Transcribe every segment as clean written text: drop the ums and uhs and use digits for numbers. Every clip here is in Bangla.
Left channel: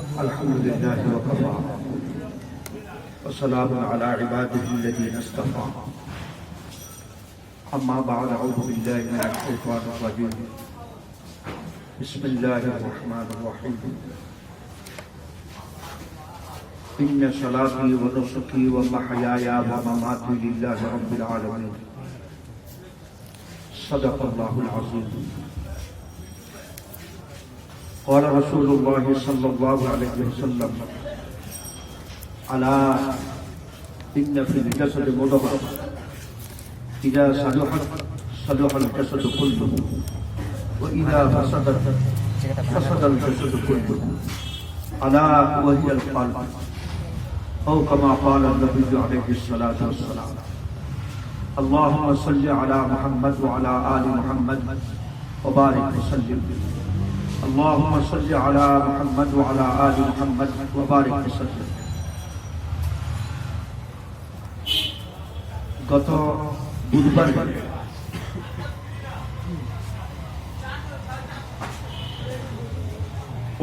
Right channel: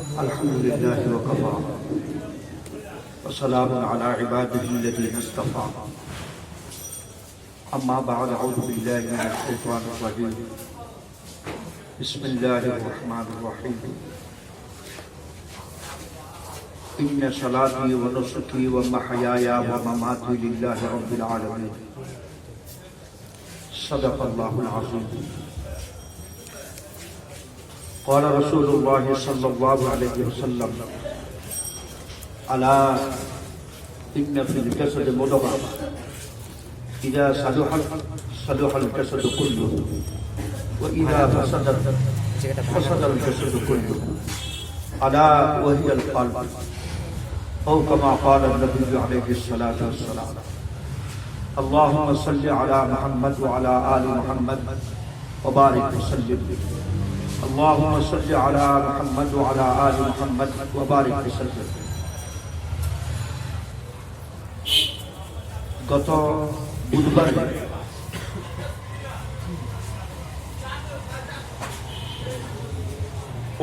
الحمد لله وكفى وسلام على عباده الذين اصطفى أما بعد أعوذ بالله من الشيطان الرجيم بسم الله الرحمن الرحيم إن صلاتي ونسكي ومحياي ومماتي لله رب العالمين صدق الله العظيم قال رسول الله صلى الله عليه وسلم ألا إن في الجسد مضغة إذا صلحت صلح الجسد كله وإذا فسدت فسد الجسد كله ألا وهي القلب أو كما قال النبي عليه الصلاة والسلام اللهم صل على محمد وعلى آل محمد وبارك وسلم اللهم صل على محمد وعلى آل محمد وبارك وسلم গত বুধবার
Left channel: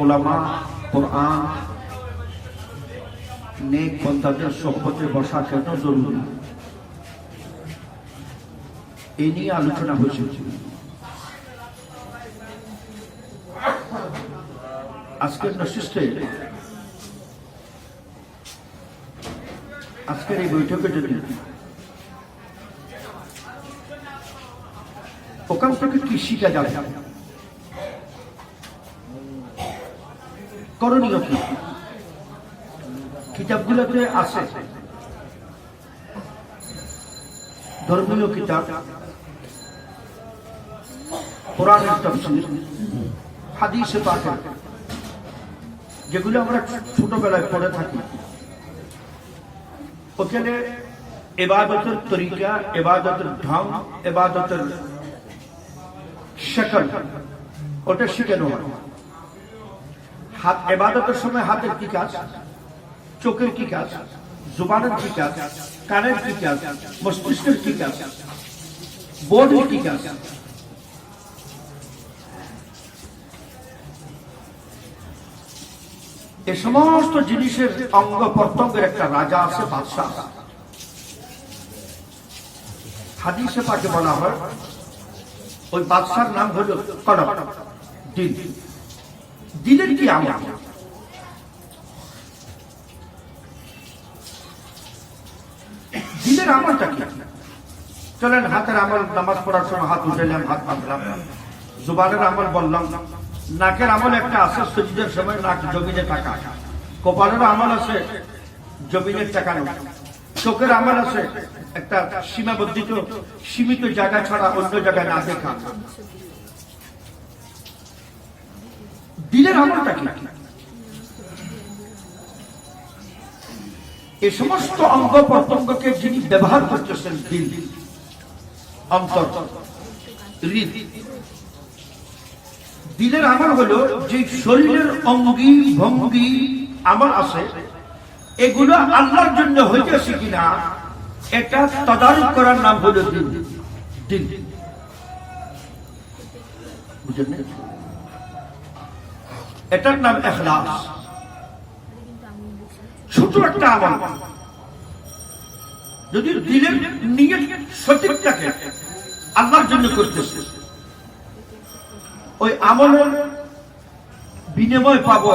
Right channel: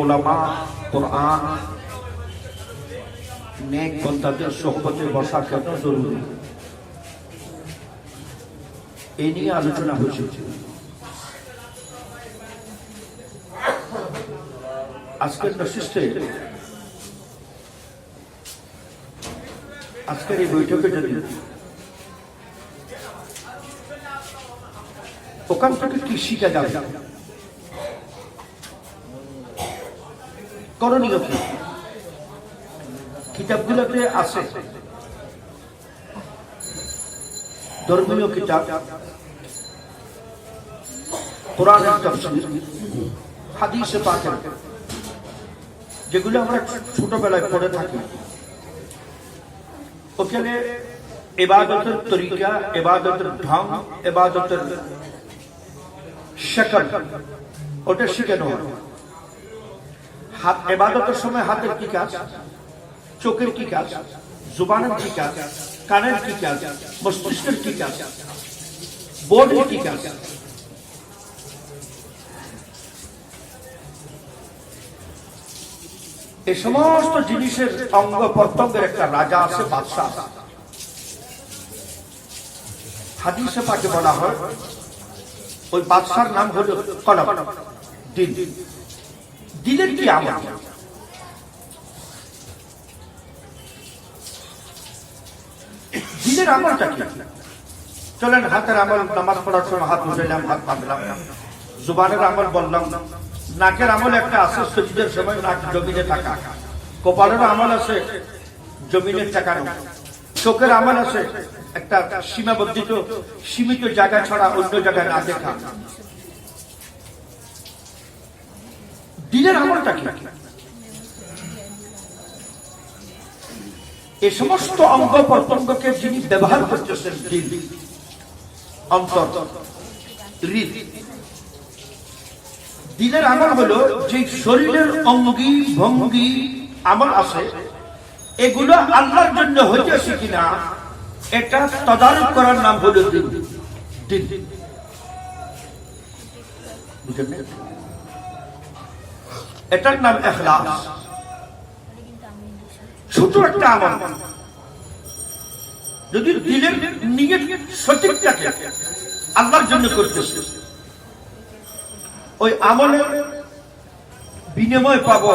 ওলামা কোরআন নেক বান্দাদের সোহবতে বসা কেন জরুরি এ নিয়ে আলোচনা হয়েছে। আজকের নশিষ্টে আজকের এই বৈঠকে যদি ওখান থেকে কি শিখা যাবে, করণীয় কি? কিতাবগুলোতে আছে ধর্মীয় কিতাব, কোরআনের তাফসীর, হাদিসে পাক, যেগুলো আমরা ছোটবেলায় পড়ে থাকি। ওখানে ইবাদতের তরিকা, ইবাদতের ঢং, ইবাদতের শকল ওটা শিখানো হয়। হাত ইবাদতের সময় হাতের কি কাজ, চোখের কি কাজ, জুবানের কি কাজ, কানের কি কাজ, মস্তিষ্কের কি কাজ, বডির কি কাজ। এই সমস্ত জিনিসের অঙ্গ প্রত্যঙ্গের একটা রাজা আছে, বাদশাহ। হাদিসে পাকে বলা হয় ওই বাদশার নাম হল কলব, দিল। দিলের কি আমল? দিলের আমলটা কি? চলেন হাতের আমল, নামাজ পড়ার সময় হাত উঠাইলাম, হাত বাঁধলাম। জুবানের আমল বললাম, নাকের আমল একটা আছে, সজিদের সময় নাক জমিনে টাকা। কপালের আমল আছে জমিনে টাকানো। চোখের আমল আছে একটা সীমাবদ্ধ সীমিত জায়গা ছাড়া অন্য জায়গায় না দেখা। দিলের আমলটা কি? এই সমস্ত অঙ্গ প্রত্যঙ্গকে যিনি ব্যবহার করতেছেন, দিল, অন্তর, হৃদ। দিলের আমল হলো যে শরীরের অঙ্গি ভঙ্গি আমল আছে, এগুলো আল্লাহর জন্য হইতেছে কিনা এটা তদারক করার নাম হলো দিল। দিল বুঝলেন? এটার নাম ইখলাস। ছোট একটা আমল যদি দিলের নিয়ত সঠিক থাকে, আল্লাহর জন্য করতেছে, ওই আমলের বিনিময় পাবো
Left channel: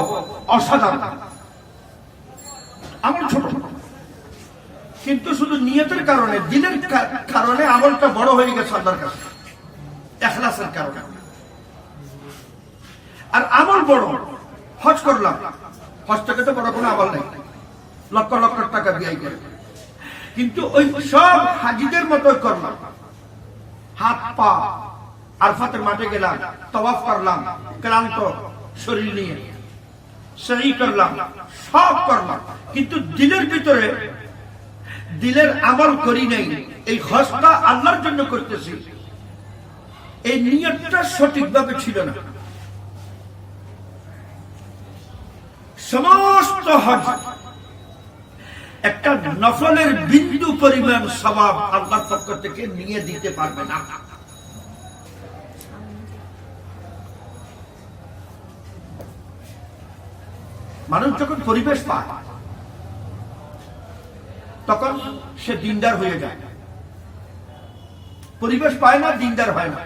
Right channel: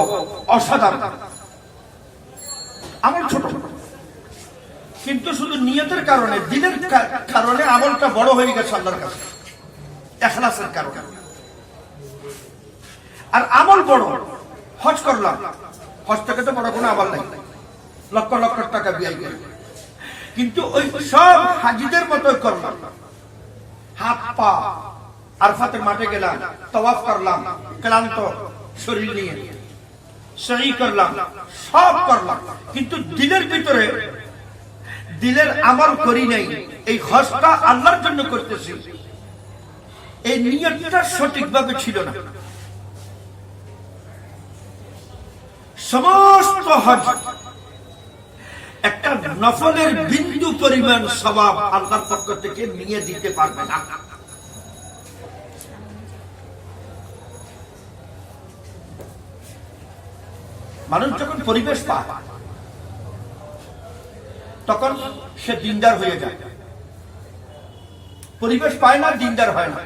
অসাধারণ। আমল ছোট কিন্তু শুধু নিয়তের কারণে, দিলের কারণে আমলটা বড় হয়ে গেছে আল্লাহর কাছে, ইখলাসের কারণে। আর আমল বড়, হজ করলাম, হজ থেকে তো বড় কোনো আমল নেই, লক্ষ লক্ষ টাকা ব্যয় করে, কিন্তু ওই সব হাজিদের মতো করলাম। হাত পা আরফাতে মাঠে গেলাম, তাওয়াফ করলাম, ক্লান্ত শরীর নিয়ে সহি করলাম, সব করলাম, কিন্তু দিলের ভিতরে দিলের আমল করি নাই। এই হজটা আল্লাহর জন্য করতেছি, এই নিয়তটা সঠিকভাবে ছিল না। সমস্ত হজ একটা নফলের বিন্দু পরিমাণ সওয়াব আল্লাহর পক্ষ থেকে নিয়ে দিতে পারবে না। মানুষ যখন পরিবেশ পায় তখন সে দিনদার হয়ে যায়। পরিবেশ পায় না, দিনদার হয় না।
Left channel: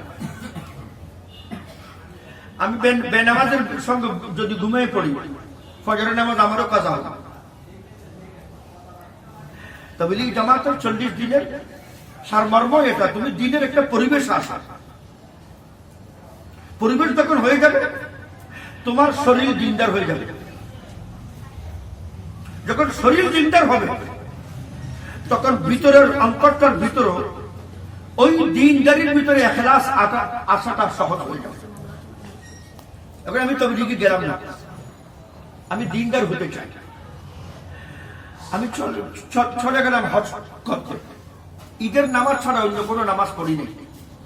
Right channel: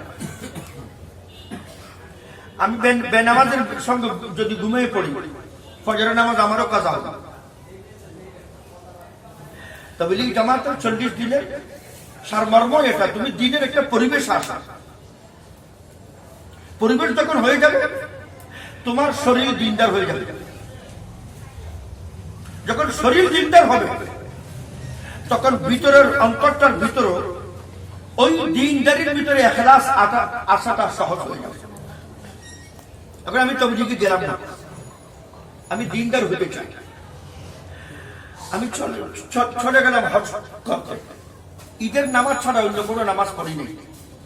আমি বেনামাজের সঙ্গে যদি ঘুমিয়ে পড়ি, ফজরের নামাজ আমারও কাজা হবে। তাবলীগ জামাতের 40 দিনের সারমর্ম এটা, তুমি দিনের একটা পরিবেশ আসা। পরিবেশ যখন হয়ে যাবে তোমার শরীর দিনদার হয়ে যাবে। যখন শরীর দিনদার হবে তখন ভিতরের অন্তরটার ভিতরে ওই দিনদারির ভিতরে ইখলাস আসাটা সহজ হয়ে যাবে। এখন আমি তাবলীগে গেলাম না, আমি দিনদার হতে চাই, আমি চলে গেলাম হজ করতে। ঈদের নামাজ ছাড়া অন্য কোনো নামাজ পড়ি নাই।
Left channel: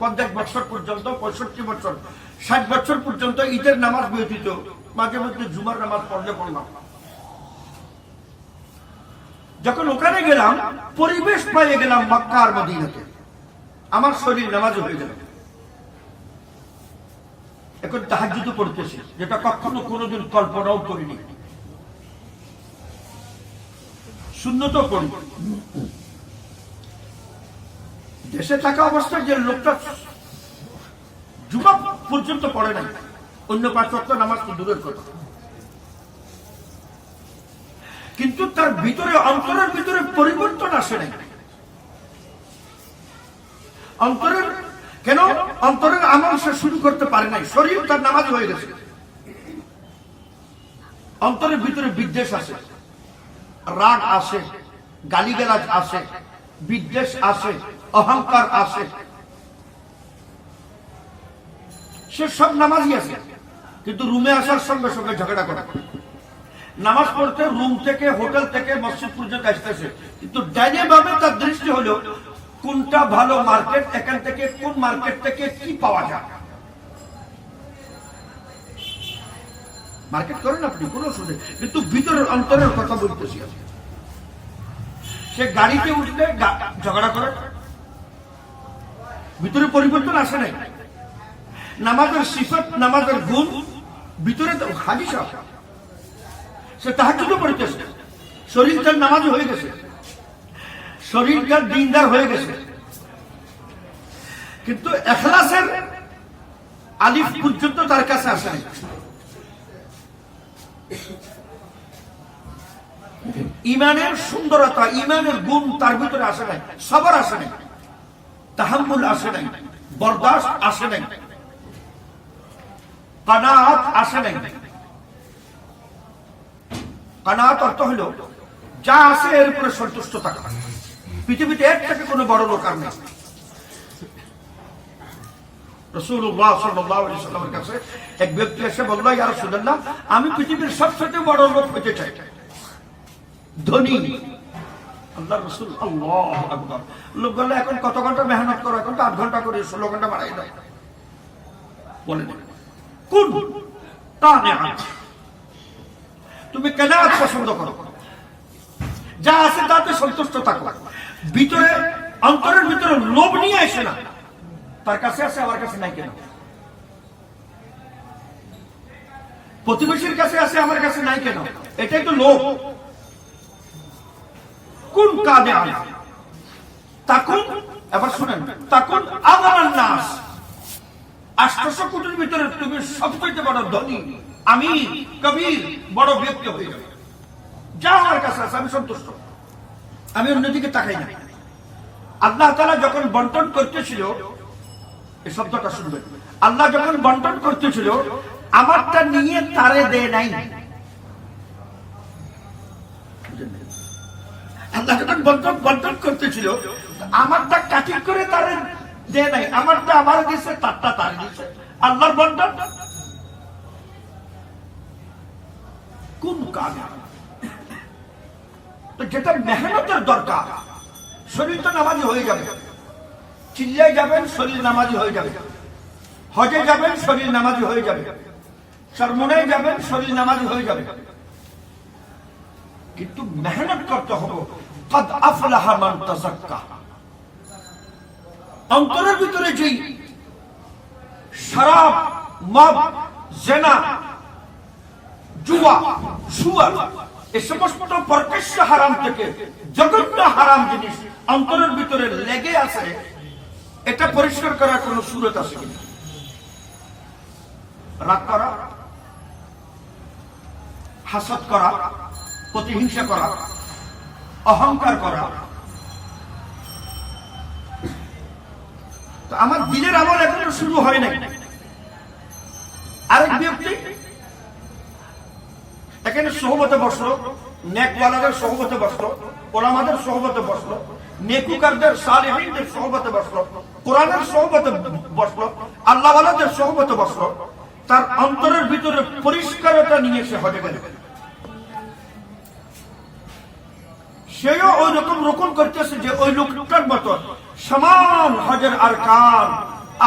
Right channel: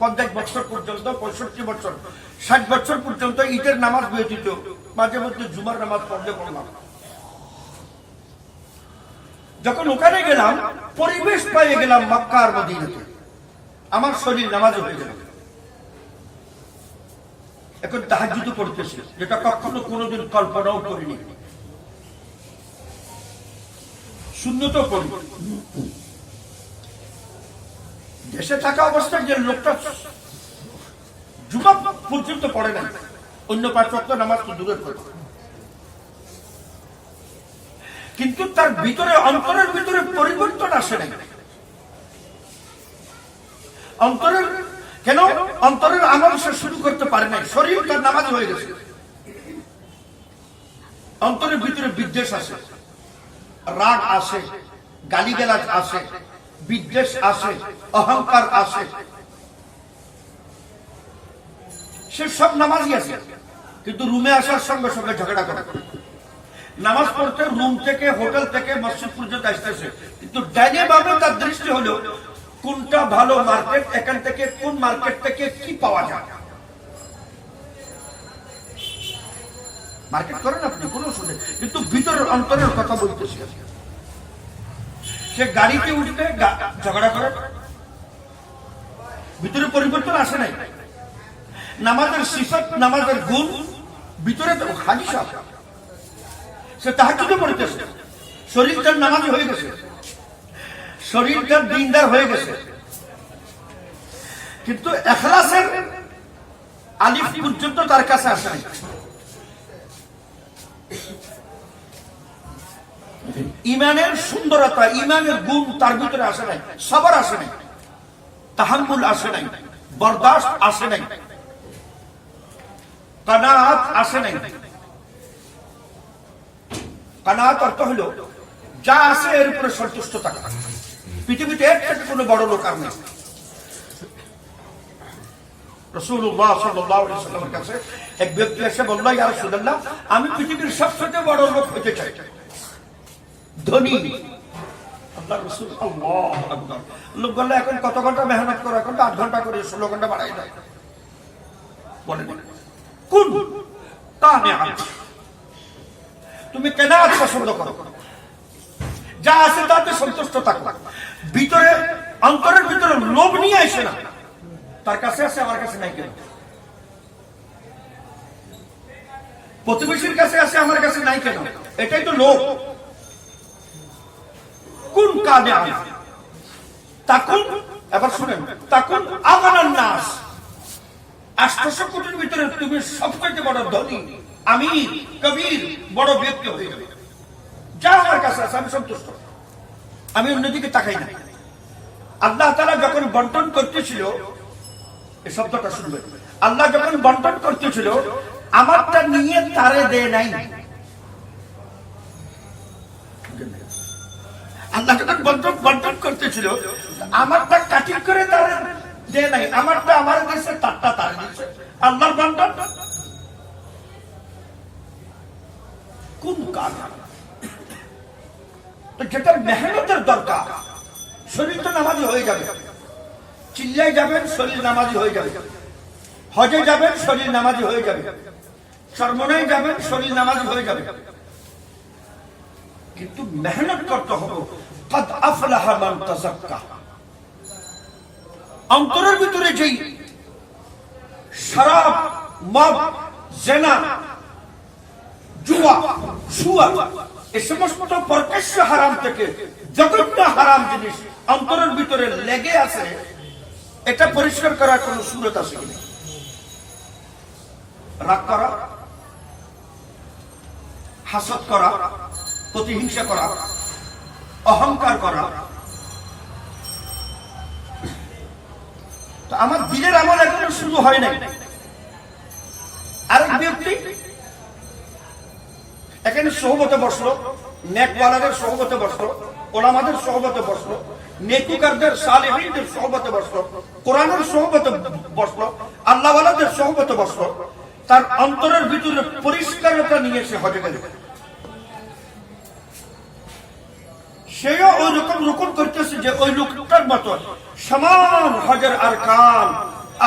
50 বছর পর্যন্ত, 65 বছর, 60 বছর পর্যন্ত ঈদের নামাজ ব্যতীত মাঝে মধ্যে জুমার নামাজ পড়লে পড়লাম। যখন ওখানে গেলাম, পরিবেশ পেয়ে গেলাম মক্কা আর মদিনাতে, আমার শরীর নামাজ হয়ে গেল। এখন তাহাজ্জুদ পড়তেছে, যেটা কখনো কোনোদিন কল্পনাও করিনি। সুন্নত পড়ি। দেশে থাকা অবস্থায় যে লোকটা জুমা পর্যন্ত পড়ে নাই, অন্য 5 ওয়াক্ত নামাজ তো দূরের কথা, কিন্তু তার ভিতরে অন্তরের ভিতরে পরিবর্তন আসে নাই। অন্তরের কেন? অন্তরের আমল সে শুরু করতে পারে নাই, শরীর তার নামাজ হয়ে গেছে। অন্তরের ভিতরে বিদ্বেষ আসে, রাগ আসে, গালিগালাজ আসে, বিদ্বেষ আসে, অহংকার আসে। সে সব নামাজই আছে, কিন্তু রুমে আসার সঙ্গে সঙ্গে ঝগড়া করে। নামাজ পড়তে রুম থেকে, হোটেল থেকে মসজিদ পর্যন্ত আসতেছে, কিন্তু ডাইনে বামে তার দৃষ্টি হলো কোনটা ভালো মার্কেট, এখান থেকে কোন মার্কেট থেকে কি পাওয়া যায়। মার্কেট করেন আপনি কোন শুনে, কিন্তু ভিতরের অন্তরের কথা বলতেছি। সে গাড়িতে উঠবে ঝগড়া করে, ভিতরে পরিবর্তন আসে নাই। নামাজের সিফাত, নামাজের গুণ ভিতরে হাদিস আছে। সে তাহাজ্জুদ পড়তেছে, শরীর তার নামাজ হয়ে গেছে, শরীর তার দিনদার হয়ে গেছে, কিন্তু ইখলাসের আলিফ পর্যন্ত তার কাছে আসে নাই। ইমানের সুন্দরতা, ইমানের গুণ তার ভিতরে আসে নাই, সবর আসে নাই, তাহাম্মুল আসে নাই, বরদাস্ত আসে নাই, কানাআত আসে নাই। কানাআত অর্থ হলো যা আছে এর উপরে সন্তুষ্ট থাকা। পৃথিবীতে এর থেকে কোনো বড় লোক আর নেই। রাসূলুল্লাহ সাল্লাল্লাহু আলাইহি ওয়াসাল্লামের কাছে এক ব্যক্তি এসে বলল, ইয়া রাসূলুল্লাহ, আমি পৃথিবীর সবচেয়ে বড় লোক হতে চাই, ধনী। আল্লাহর রাসূল আল্লাহু আকবার। লোক বলল, এখন কত ঘন্টা মেহনত করো? এখন তো 8 ঘন্টা করে, 16 ঘন্টা বাড়াই দাও। বলেন কোন কানাআত? তুমি কানাআত পছন্দ করো, যা আছে তাতে সন্তুষ্ট থাকো। ভিতরে অন্তরের ভিতরে লোভ নিয়ে আসে না, তার কাছে আছে আমার কাছে নাই কেন, প্রতিবেশীর কাছে আছে আমার কাছে নাই কেন, এটাই তো লোভ। কোন কানাআত তাকুন, এবার শুনেন, তাকুন আগানান নাস। 800 কোটির ভিতরে তুমি সবচেয়ে বড় ধনী, আমির, কবির, বড় ব্যক্তি হয়ে যাবে। যা আমার কাছে আছে আমি সন্তুষ্ট, আমি অন্যদিকে তাকাই না। আল্লাহ তাআলা যখন বন্টন করতেছিল, এই শব্দটা শুনবেন, আল্লাহ যখন বন্টন করতেছিল, আমারটা নিয়ে তারে দেয় নাই। আল্লাহ যখন বন্টন করতেছিল, আমারটা কাটিং করে তারে দেয় নাই, আমারটা আমার দিয়েছে, তারটা তার দিয়েছে। আল্লাহর বন্টন কোন কাজ? যেটা মেহনতের দরকার, শরীর তো নামাজি হয়ে যাবে। চিল্লায় যাবেন, শরীর নামাজি হয়ে যাবে। হজে যাবেন, শরীর নামাজি হয়ে যাবে। চরমনায় যাবেন, শরীর নামাজি হয়ে যাবে। কিন্তু মেহনত করতে হবে। কদ আফলাহা মান তাযাক্কা। অন্তরের ভিতরে যেই শরাব, মদ, জিনা জুয়া, সুয়া, এই সমস্ত প্রকাশ্য হারাম থেকে জঘন্য হারাম জিনিস অন্তরের ভিতরে লেগে আছে, এটা পরিষ্কার করার কোন সুরত আছে কিনা? রাগ করা, হাসদ করা, প্রতিহিংসা করা, অহংকার করা। তো আমার দিনের আমল এখনো শুরু হয় নাই। আরেক ব্যক্তি এখানে সোহবতে বসলো, নেকওয়ালাদের সোহবতে বসলো, ওলামাদের সোহবতে বসলো, নেকুকারদের সালেহীনদের সোহবতে বসলো, কোরআনের সোহবতে বসলো, আল্লাহওয়ালাদের সোহবতে বসলো। তার অন্তরের ভিতরে পরিষ্কারতা নিয়ে সে হজে গেল। সেও ওই রকম রোপণ করতেছে যে ওই লোকটার মতো সমান হজের আরকান,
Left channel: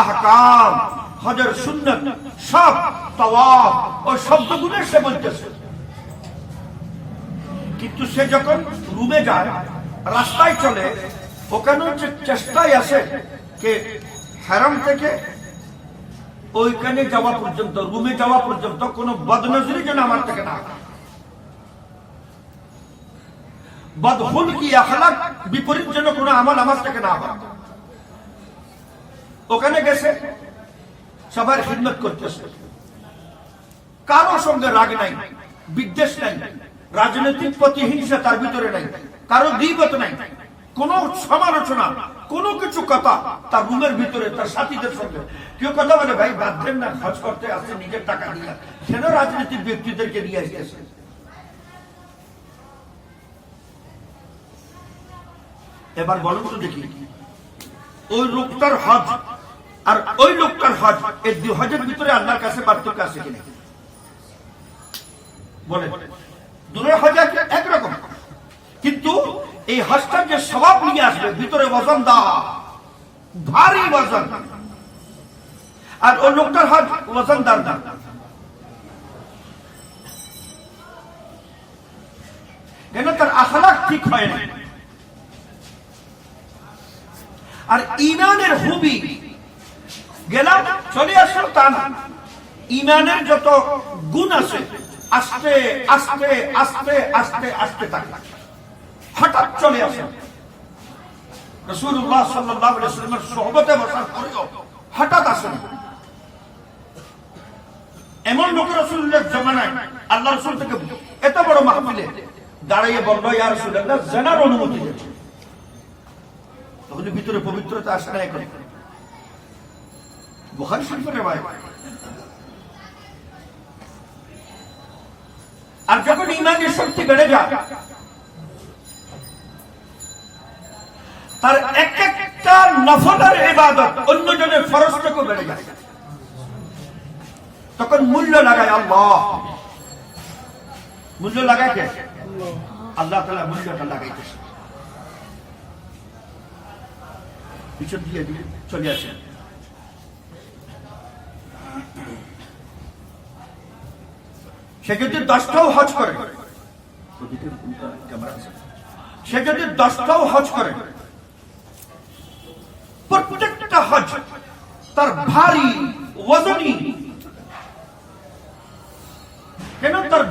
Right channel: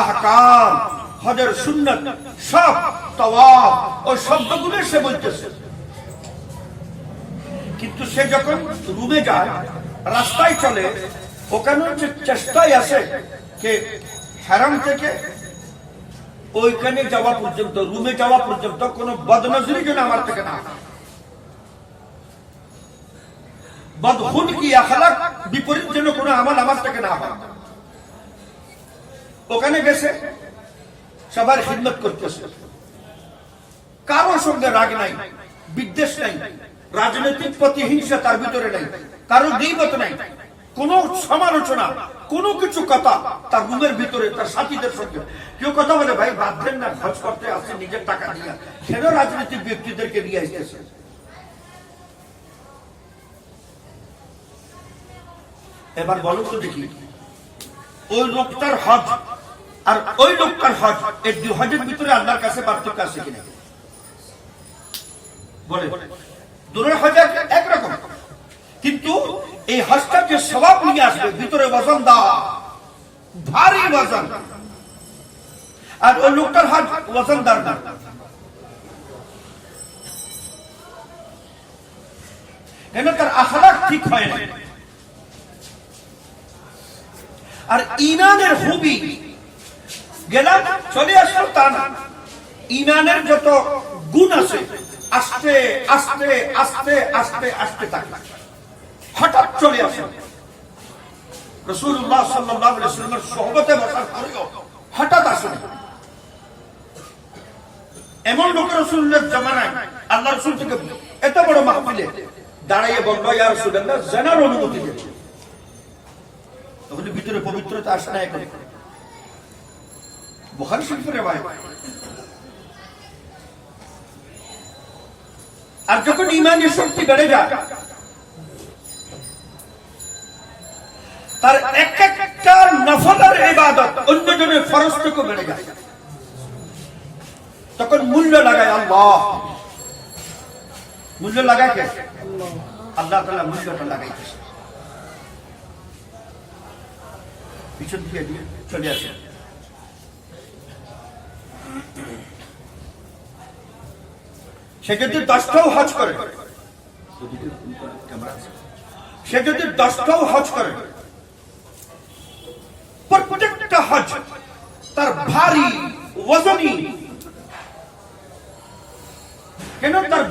আহকাম, হজের সুন্নত, সব তাওয়াফ ও শব্দগুলো সে বলতেছে। কিন্তু সে যখন রুমে যায়, রাস্তায় চলে, ওখানে হচ্ছে চেষ্টায় আছে যে হারাম থেকে ওইখানে যাওয়া পর্যন্ত, রুমে যাওয়া পর্যন্ত কোন বদনজরি যেন আমার থেকে না, বদহুদ কি আখলাক বিপরীত যেন কোন আমল আমার থেকে না হয়। ওখানে গেছে, সবার খিদমত করতেছে, কারোর সঙ্গে রাগ নাই, বিদ্বেষ নাই, রাজনৈতিক প্রতিহিংসা তার ভিতরে নাই, কারো গীবত নাই, কোন সমালোচনা, কোন কিছু কথা তার রুমের ভিতরে তার সাথীদের সঙ্গে। কেউ কথা বলে ভাই বাঁধবেন না, খরচ করতে আসছে নিজের টাকা নিয়ে, কেন রাজনীতির ব্যক্তিদেরকে নিয়ে আসতেছে? এবার বলুন তো দেখি, ওই লোকটার হজ আর ওই লোকটার হজ, এই দুই হজের ভিতরে আল্লাহর কাছে পার্থক্য আছে কিনা? বলে দূরের হজ একরকম, কিন্তু এই হজটা যে সওয়াব নিয়ে আসবে, ভিতরে ওজন দেওয়া, ভারী ওজন। আর ওই লোকটার হজ ওজনদার না। কেন? তার আখলাক ঠিক হয় না। আর ঈমানের খুবই গেলাম চলে আসলো তা না, ঈমানের যত গুণ আছে আস্তে আস্তে আস্তে আস্তে আস্তে থাকে, হঠাৎ চলে আসে। রাসূলুল্লাহ সাল্লাল্লাহু আলাইহি ওয়াসাল্লামের সোহবতে বসার পরেও হঠাৎ আসে। এমন লোক রাসূলুল্লাহর জামানায় আল্লাহ রাসূল থেকে এত বড় মাহফিলে দাঁড়িয়ে বলল, ইয়া রাসূলুল্লাহ, জানার অনুমতি দিন। তখন ভিতরে পবিত্রতা আসে না। এখন বুখারী শরীফের রিওয়ায়াত। আর যখন ঈমানের শক্তি বেড়ে যায়, তার এক একটা নফলের ইবাদত অন্যজনের ফরজ থেকে বেড়ে যায়, তখন মূল্য লাগায় আল্লাহ। মূল্য লাগায় কে? আল্লাহ তাআলা মূল্যটা লাগাইতেছে। পিছন দিয়ে চলে আসে। সে যদি 10টাও হজ করে, সে যদি 10টাও হজ করে, প্রত্যেকটা হজ তার ভারী ওজনী। কেন? তার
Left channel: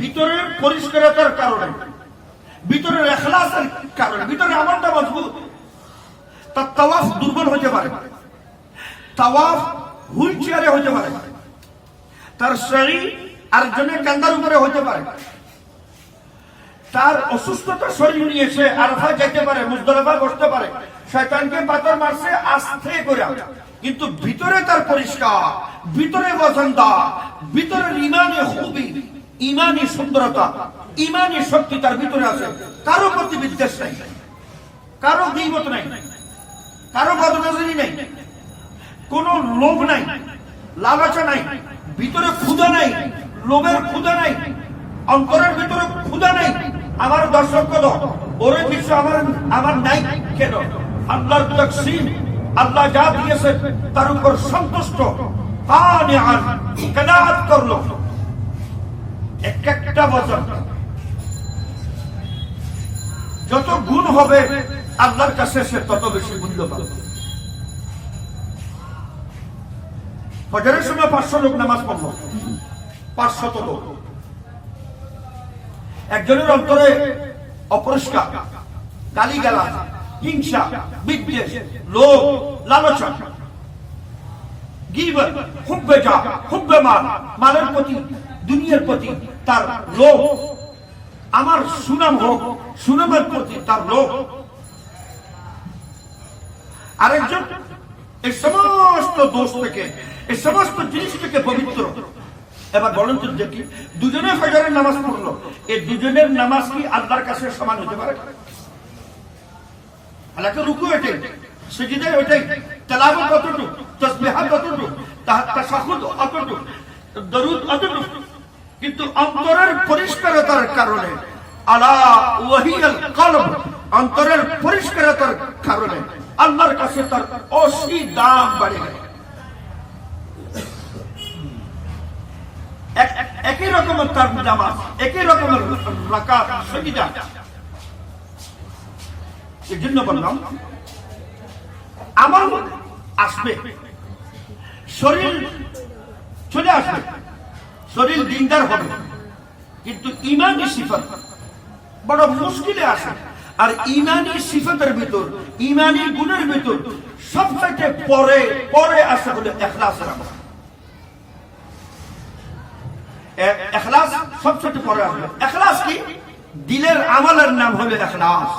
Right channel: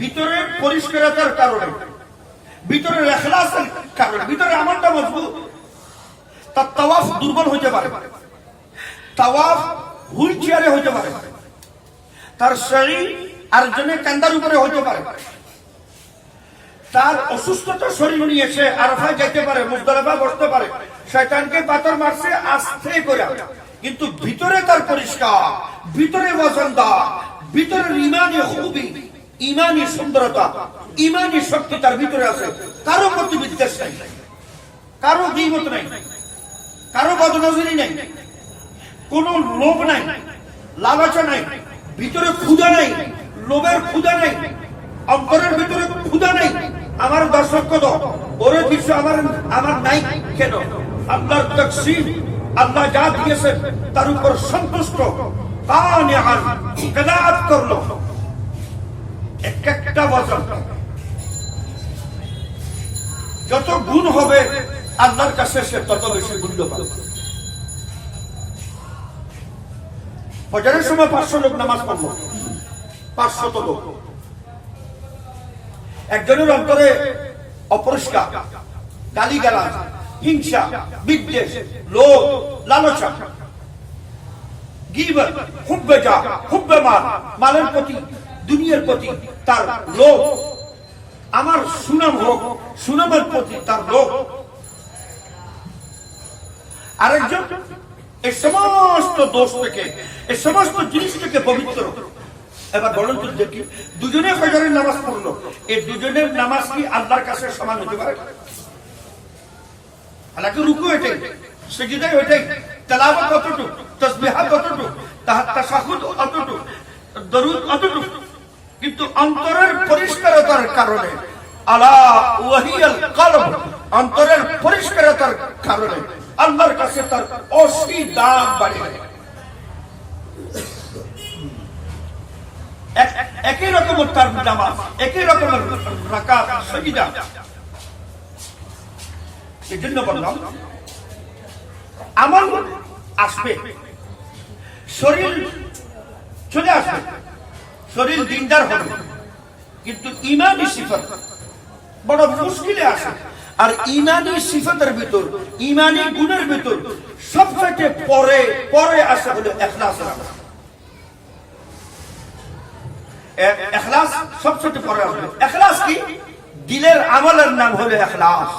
ভিতরের পরিষ্কারতার কারণে, ভিতরের ইখলাসের কারণে, ভিতরের আমলটা মজবুত। তার তাওয়াফ দুর্বল হতে পারে, তাওয়াফ হুইল চেয়ারে হতে পারে, তার শরীর আরেকজনের কান্দার উপরে হতে পারে, তার অসুস্থতা শরীর নিয়ে সে আরাফায় যেতে পারে, মুজদালিফায় বসতে পারে, শয়তানকে পাথর মারছে আস্তে করে, কিন্তু ভিতরে তার পরিষ্কার, ভিতরে ওজনদার, ভিতরে ঈমানে খুবই, ঈমানি সুন্দরতা, ঈমানি শক্তি তার ভিতরে আছে। কারো প্রতি বিদ্বেষ নাই, কারো গীবত নাই, কারো বদনজরি নাই, কোন লোভ নাই, লালসা নাই, ভিতরে ক্ষুধা নাই, লোভের ক্ষুধা নাই, অন্তরের ভিতরে ক্ষুধা নাই। আমার দর্শক কত ওরে কিছু আমার নাই কেন? আল্লাহর তাকসীম, আল্লাহ যা দিয়েছে তার উপর সন্তুষ্ট, কানিআন, কানাত করলো। এক একটা বছর যত গুণ হবে আল্লাহর কাছে, সে তত বেশি মূল্য পাবে। ফজরের সময় 500 লোক নামাজ পড়লো, 500 লোক। একজনের অন্তরে অপরিষ্কার, গালিগালাজ, হিংসা, বিদ্বেষ, লোভ, লালসা, গীবত, হুব্বে জাহ, হুব্বে মাল, মালের প্রতি, দুনিয়ার প্রতি তার লোভ, আমার সুনাম হোক, সুনামের প্রতি তার লোভ। আরেকজন এই সমস্ত দোষ থেকে, এই সমস্ত জিনিস থেকে পবিত্র। এবার বলেন তো দেখি, দুজনে ফজরের নামাজ পড়লো, এই দুজনের নামাজ কি আল্লাহর কাছে সমান হতে পারে? আল্লাহকে রুকু এটাই, সিজদা ওইটাই, তেলাওয়াত কতটুকু, তাসবিহাত কতটুকু, তাশাহুদ কতটুকু, দরুদ কতটুকু, কিন্তু অন্তরের পরিষ্কারতার কারণে, আলা ওয়াহিয়াল কলব, অন্তরের পরিষ্কারতার কারণে আল্লাহর কাছে তার অসীম দাম বাড়ে গেল। একই রকমের তার নামাজ, একই রকমের রাকাত, সিজদা। এই জন্য বললাম আমল আসবে, শরীর চলে আসবে, শরীর দিনদার হবে, কিন্তু ইমানি সিফত বড় মুশকিলে আসে। আর ইমানি সিফতের ভিতর, ইমানি গুণের ভিতর সবচেয়ে পরে পরে আসে হলো ইখলাসের আমল। ইখলাস সবচেয়ে পরে আসবে। ইখলাস কি? দিলের আমলের নাম হলো ইখলাস।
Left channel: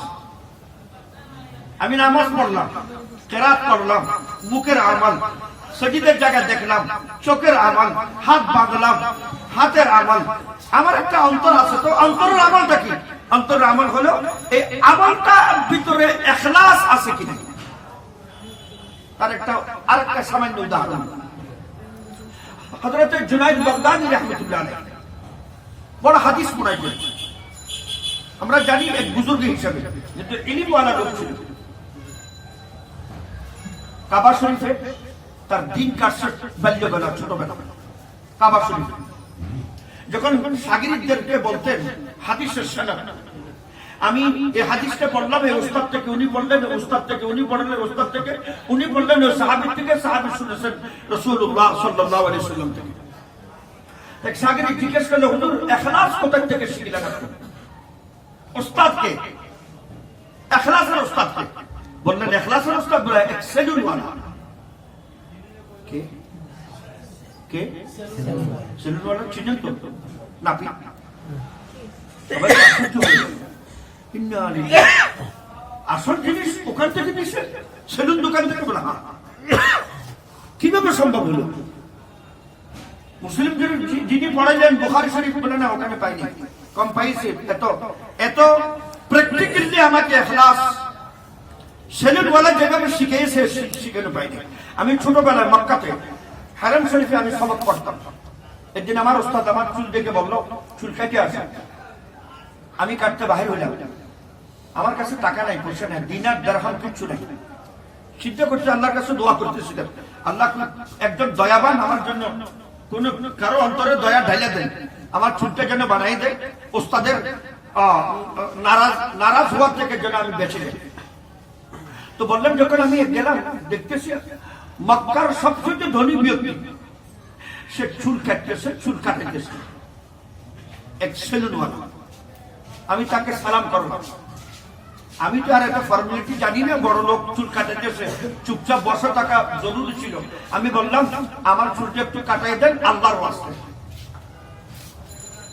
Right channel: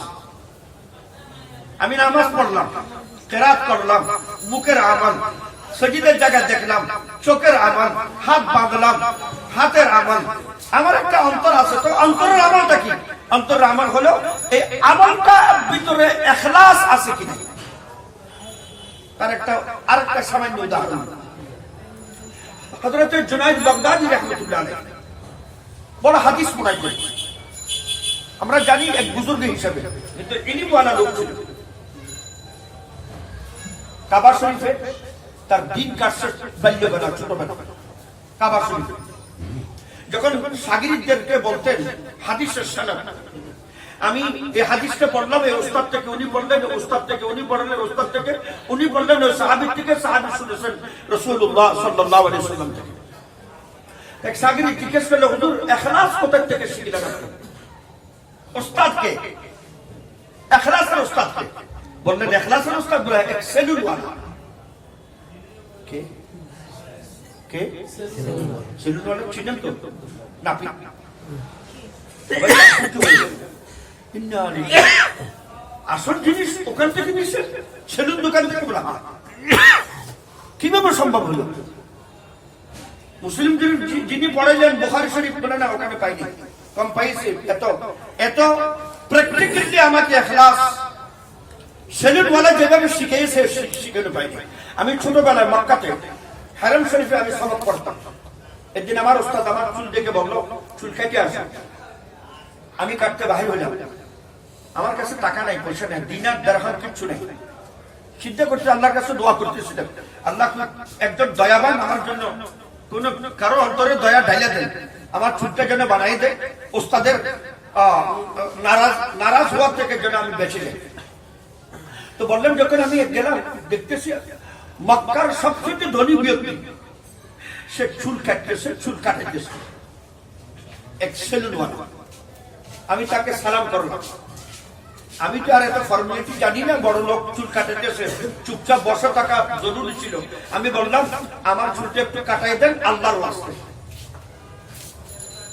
আমি নামাজ পড়লাম, কেরাত পড়লাম, মুখের আমল, সজিদের জায়গা দেখলাম, চোখের আমল, হাত বাঁধলাম, হাতের আমল। আমার একটা অন্তর আছে, তো অন্তরের আমলটা কি? অন্তরের আমল হলো এই আমলটা ভিতরে ইখলাস আছে কিনা। তার একটা আরেকটা সামান্য উদাহরণ, হযরত জুনায়েদ বাগদাদী রাহমাতুল্লাহ আলাইহি বড় হাদিস পড়াই করেন। আমরা জানি এক বুজুর্গ হিসাবে, কিন্তু ইলমওয়ালা লোক ছিল। কাবা শরীফে তার দিন কাটছে বাল্যবেলা, ছোটবেলা। কাবা শরীফ যখন শাগিরদেরকে বলতেন হাদিসের সনদ, আমি এই হাদিসটা পড়লাম এই ওস্তাদ থেকে, উনি পড়লেন ওস্তাদ থেকে, উনি পড়লেন ওস্তাদ থেকে, উনি পড়লেন ওই সাহাবী থেকে, সাহাবী শুনেছেন রাসূলুল্লাহ সাল্লাল্লাহু আলাইহি ওয়াসাল্লাম থেকে। এক শাগির জিজ্ঞেস করলো, হুজুর ইখলাস কোথা থেকে শিখলেন? ওস্তাদকে, ইখলাসের ওস্তাদকে বললেন। ইখলাসের ওস্তাদ বলে এক সেলুন ওয়ালা। কে কে? সেলুন ওয়ালা চিনেন তো? নাকি আসল জিনিস ওখান থেকে নিচ্ছে, সেলুন দোকান থেকে বলা। কিভাবে সম্ভব হলো? মুসলিম যিনি পড়াইলেন বুখারী শরীফ বলে না, ওখানে পাইনি, কম পাইছে। এত এত প্র্যাকটিক্যালি আমাকে ইখলাস সেলুন ওয়ালা যেভাবে শিখিয়েছে শিখানো পাইনি। আমি ছোটবেলায় মক্কাতে হারাম শরীফে আমি সবক পড়তাম। একদিন আমার ওস্তাদ আমার চুল দেখে বললো, চুল কাটতে আসে। আমি কাটতে বাহির হয়ে যাবো, আমার কাছে টাকা নাই, পয়সা নাই, দিনার দিরহাম কিচ্ছু নেই। চিন্তা করতে আল্লাহর কাছে দোয়া করতেছিলাম, আল্লাহ একজন দয়াবান আমার জন্য কোন কারো অন্তরে দয়া ঢাইলা দেন, আমার চুলটা যেন বানাই দেয়, ওস্তাদের নারাজ হওয়ার থেকে যেন আমি বেঁচে যাই। তো বললাম, যখন আমি গেলাম দেখতেছি মক্কার সবচেয়ে ধনী ব্যক্তি, সে চুল কাটতেছে, চুল কাটাইতেছে, এক সেলুনওয়ালা। আমি তাকে সালাম করলাম। আমি তো আর এত ফর্মালিটি জানি না, বড় লোক চুল কাটাইতেছে, চুপচাপ বসে থাকা জরুরি ছিল। আমি বললাম, আমার চুলটা একটু কাটাই দেন আল্লাহর ওয়াস্তে।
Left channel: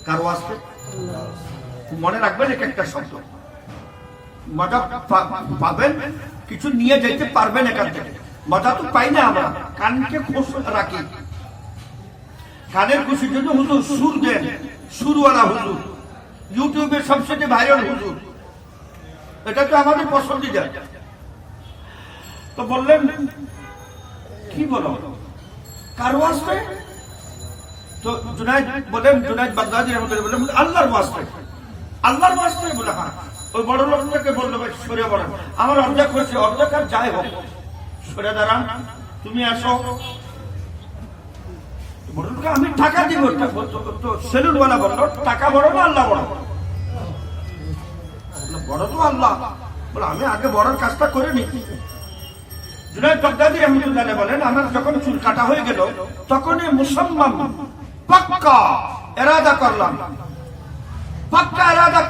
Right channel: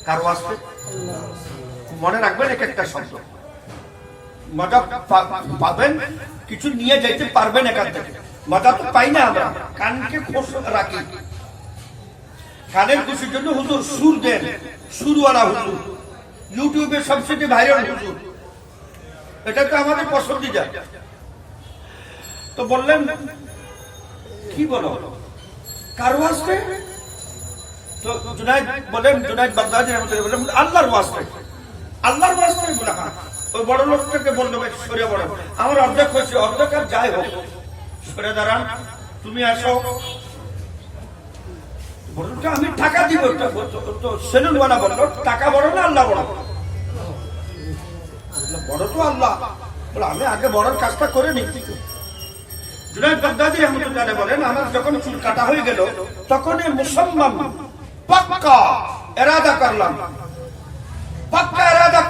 কার ওয়াস্তে? মনে রাখবেন এক একটা শব্দ, মজা পাবেন, কিছু নিয়ে যেতে পারবেন এখান থেকে। মজা তো পাই না আমরা, কানকে খোঁজ রাখি, কানের খুশির জন্য হুজুর সুর দেন, সুরওয়ালা হুজুর, ইউটিউবে সবচেয়ে ভাইরাল হুজুর, এটা তো আমাদের পছন্দিদা। তো বললেন, কি বলো কার ওয়াস্তে? তো জুনায়েদ বলেন, জুনায়েদ বাগদাদী রাহমাতুল্লাহ বলেন, আল্লাহর ওয়াস্তে। আল্লাহর ওয়াস্তে বলে? হ্যাঁ। ওই বড় লোকটাকে বললো, ভাই সরে বলেন, আমার অর্ধেক হয়েছে, অর্ধেক আর যাই হোক, সরে দাঁড়ান, তুমি আসো। আমি টাকা দিব। তো সেলুনওয়ালা বললো, টাকা বড় না আল্লাহ বড়? বড় তো আল্লাহ। বলে, আমি আগে বড়র কাজটা করে নি। জুনায়েদ বাগদাদী রাহমাতুল্লাহ বলেন, আমার যখন চুল কাটা হয়ে গেল, তখন মুসলমান পাক্কা এরাদা করলাম, পাক্কা এরাদা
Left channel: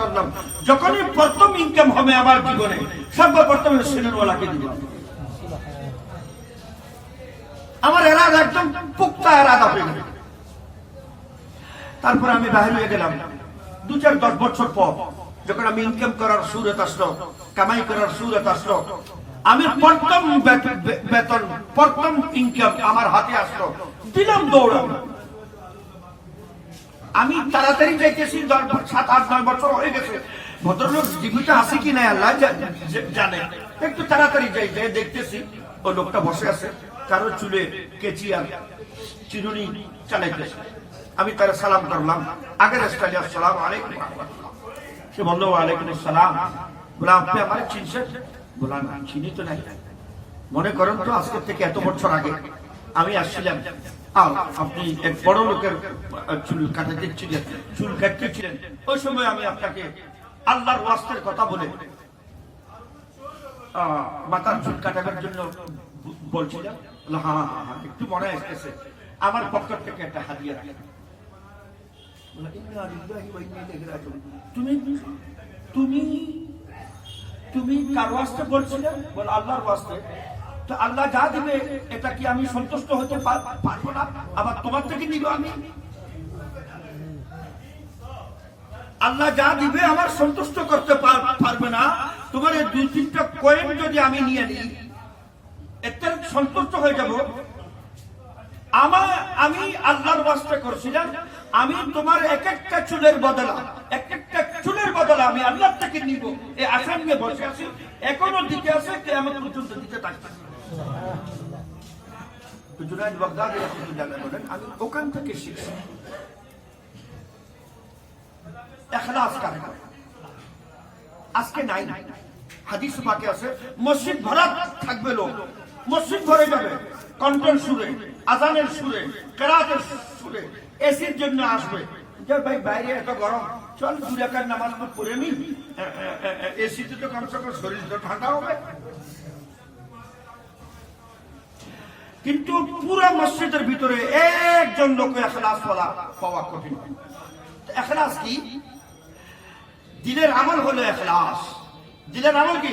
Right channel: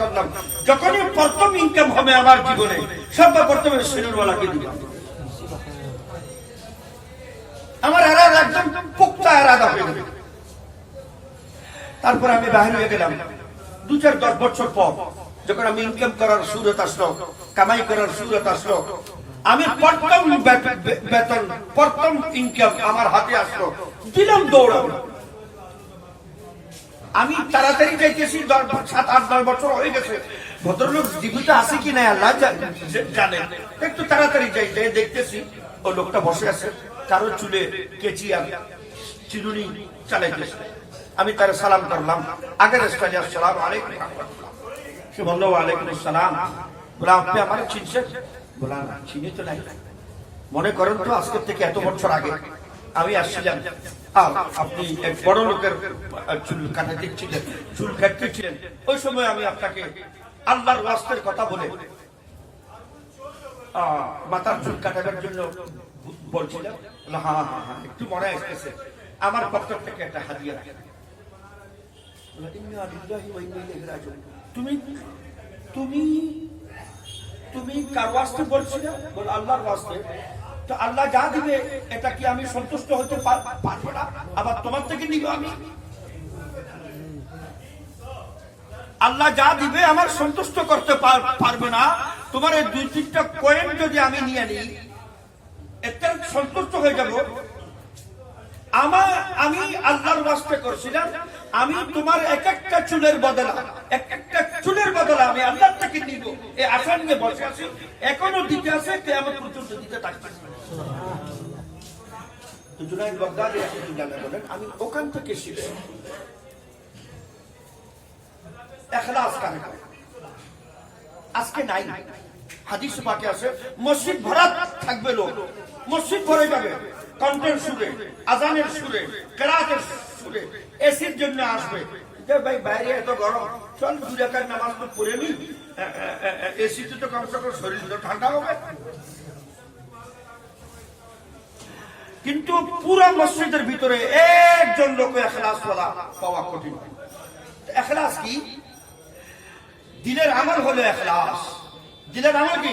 করলাম, যখনই প্রথম ইনকাম হবে আমার জীবনে সর্বপ্রথম সিনেমাওয়ালাকে দিব। আমার এরাদা একদম পুক্তা এরাদা হয়ে গেল। তারপর আমি বাহির হয়ে গেলাম। 2-10 বছর পর যখন আমি ইনকাম করার সুরত আসলো, কামাই করার সুরত আসলো, আমি প্রথম বেতন, প্রথম ইনকাম আমার হাতে আসলো, দিলাম দৌড়াবো। আমি তাড়াতাড়ি যাইতেছি, 7-8-9 বছর হয়ে গেছে। ভদ্রলোক জীবিত আছে কি না আল্লাহ জানে। একটু তাড়াতাড়ি যাই, দেখতেছি ওই লোকটা বসে আছে, কারো চুলে কেচি আর চিরুনি চালাইতেছে। আমি তার সালাম করলাম, আগের স্টাইলে আসসালামু আলাইকুম। সে বললো ওয়ালাইকুম আসসালাম। বলে আপনি আমার চিনছেন? বললাম না, চিনি তো নাই। মনে করেন তো আজকের থেকে এত বছর আগে আমি আসছিলাম, আর আপনি এক বড় লোকের চুল কাটাতে ছিলেন, চুল কাটতে ছিলেন। ওই সময় আমি আপনাকে আল্লাহর ওয়াস্তের কথা বলে মাথার চুল কাটানোর জন্য বলছিলাম। হ্যাঁ হ্যাঁ হ্যাঁ, একটু মনে আসতেছে, আমার পক্ষ থেকে একটা হাদিয়া রাখেন। তুমি তুমি তুমি কার ওয়াস্তে বলছিলে? বল আল্লাহর ওয়াস্তে। তো আল্লাহ যা দিবে এটা কি আমি সন্তুষ্ট হতে পারবো না? আবার তোমার থেকে নিব আমি? আল্লাহ যা দিবে আমার সন্তুষ্ট করতে পারবে না। তোমার এই 2-3টা কয়েন যদি আমি নিয়ে নিই, এতে সন্তুষ্ট হয়ে যাব। আমি আল্লাহর ওয়াস্তে করছিলাম, আমি তোমার এক একটা চুলের বদলা আমি আল্লাহ থেকে নিব, এই আশা নিয়ে বসে আছি। এখনো দিতে আছে, কিয়ামত পর্যন্ত দিতে থাকতেছে। জুনায়েদ বাগদাদী রাহিমাহুল্লাহ বলেন, আমি ওখান থেকে শিখছি ইখলাস কাকে বলে। আজকে নাই। হাদিস পাকে আছে, মসজিদ ভরা থাকবে লোক, মসজিদ ভরে যাবে কণ্ঠের সুরে, আজানের সুরে, কেরাতের সুরে, এসির জন্য আসবে। ভাই বাইরে এত গরম, চল 2 রাকাত নামাজ তো পড়ে নি, এসিতে তো কমসে কম শরীর তো ঠান্ডা হবে। কিন্তু পুরো মসজিদের ভিতরে একজন লোক ইখলাস পাওয়া কঠিন। ইখলাস কি? দিলের আমল হলো ইখলাস। দিলের আমল কি?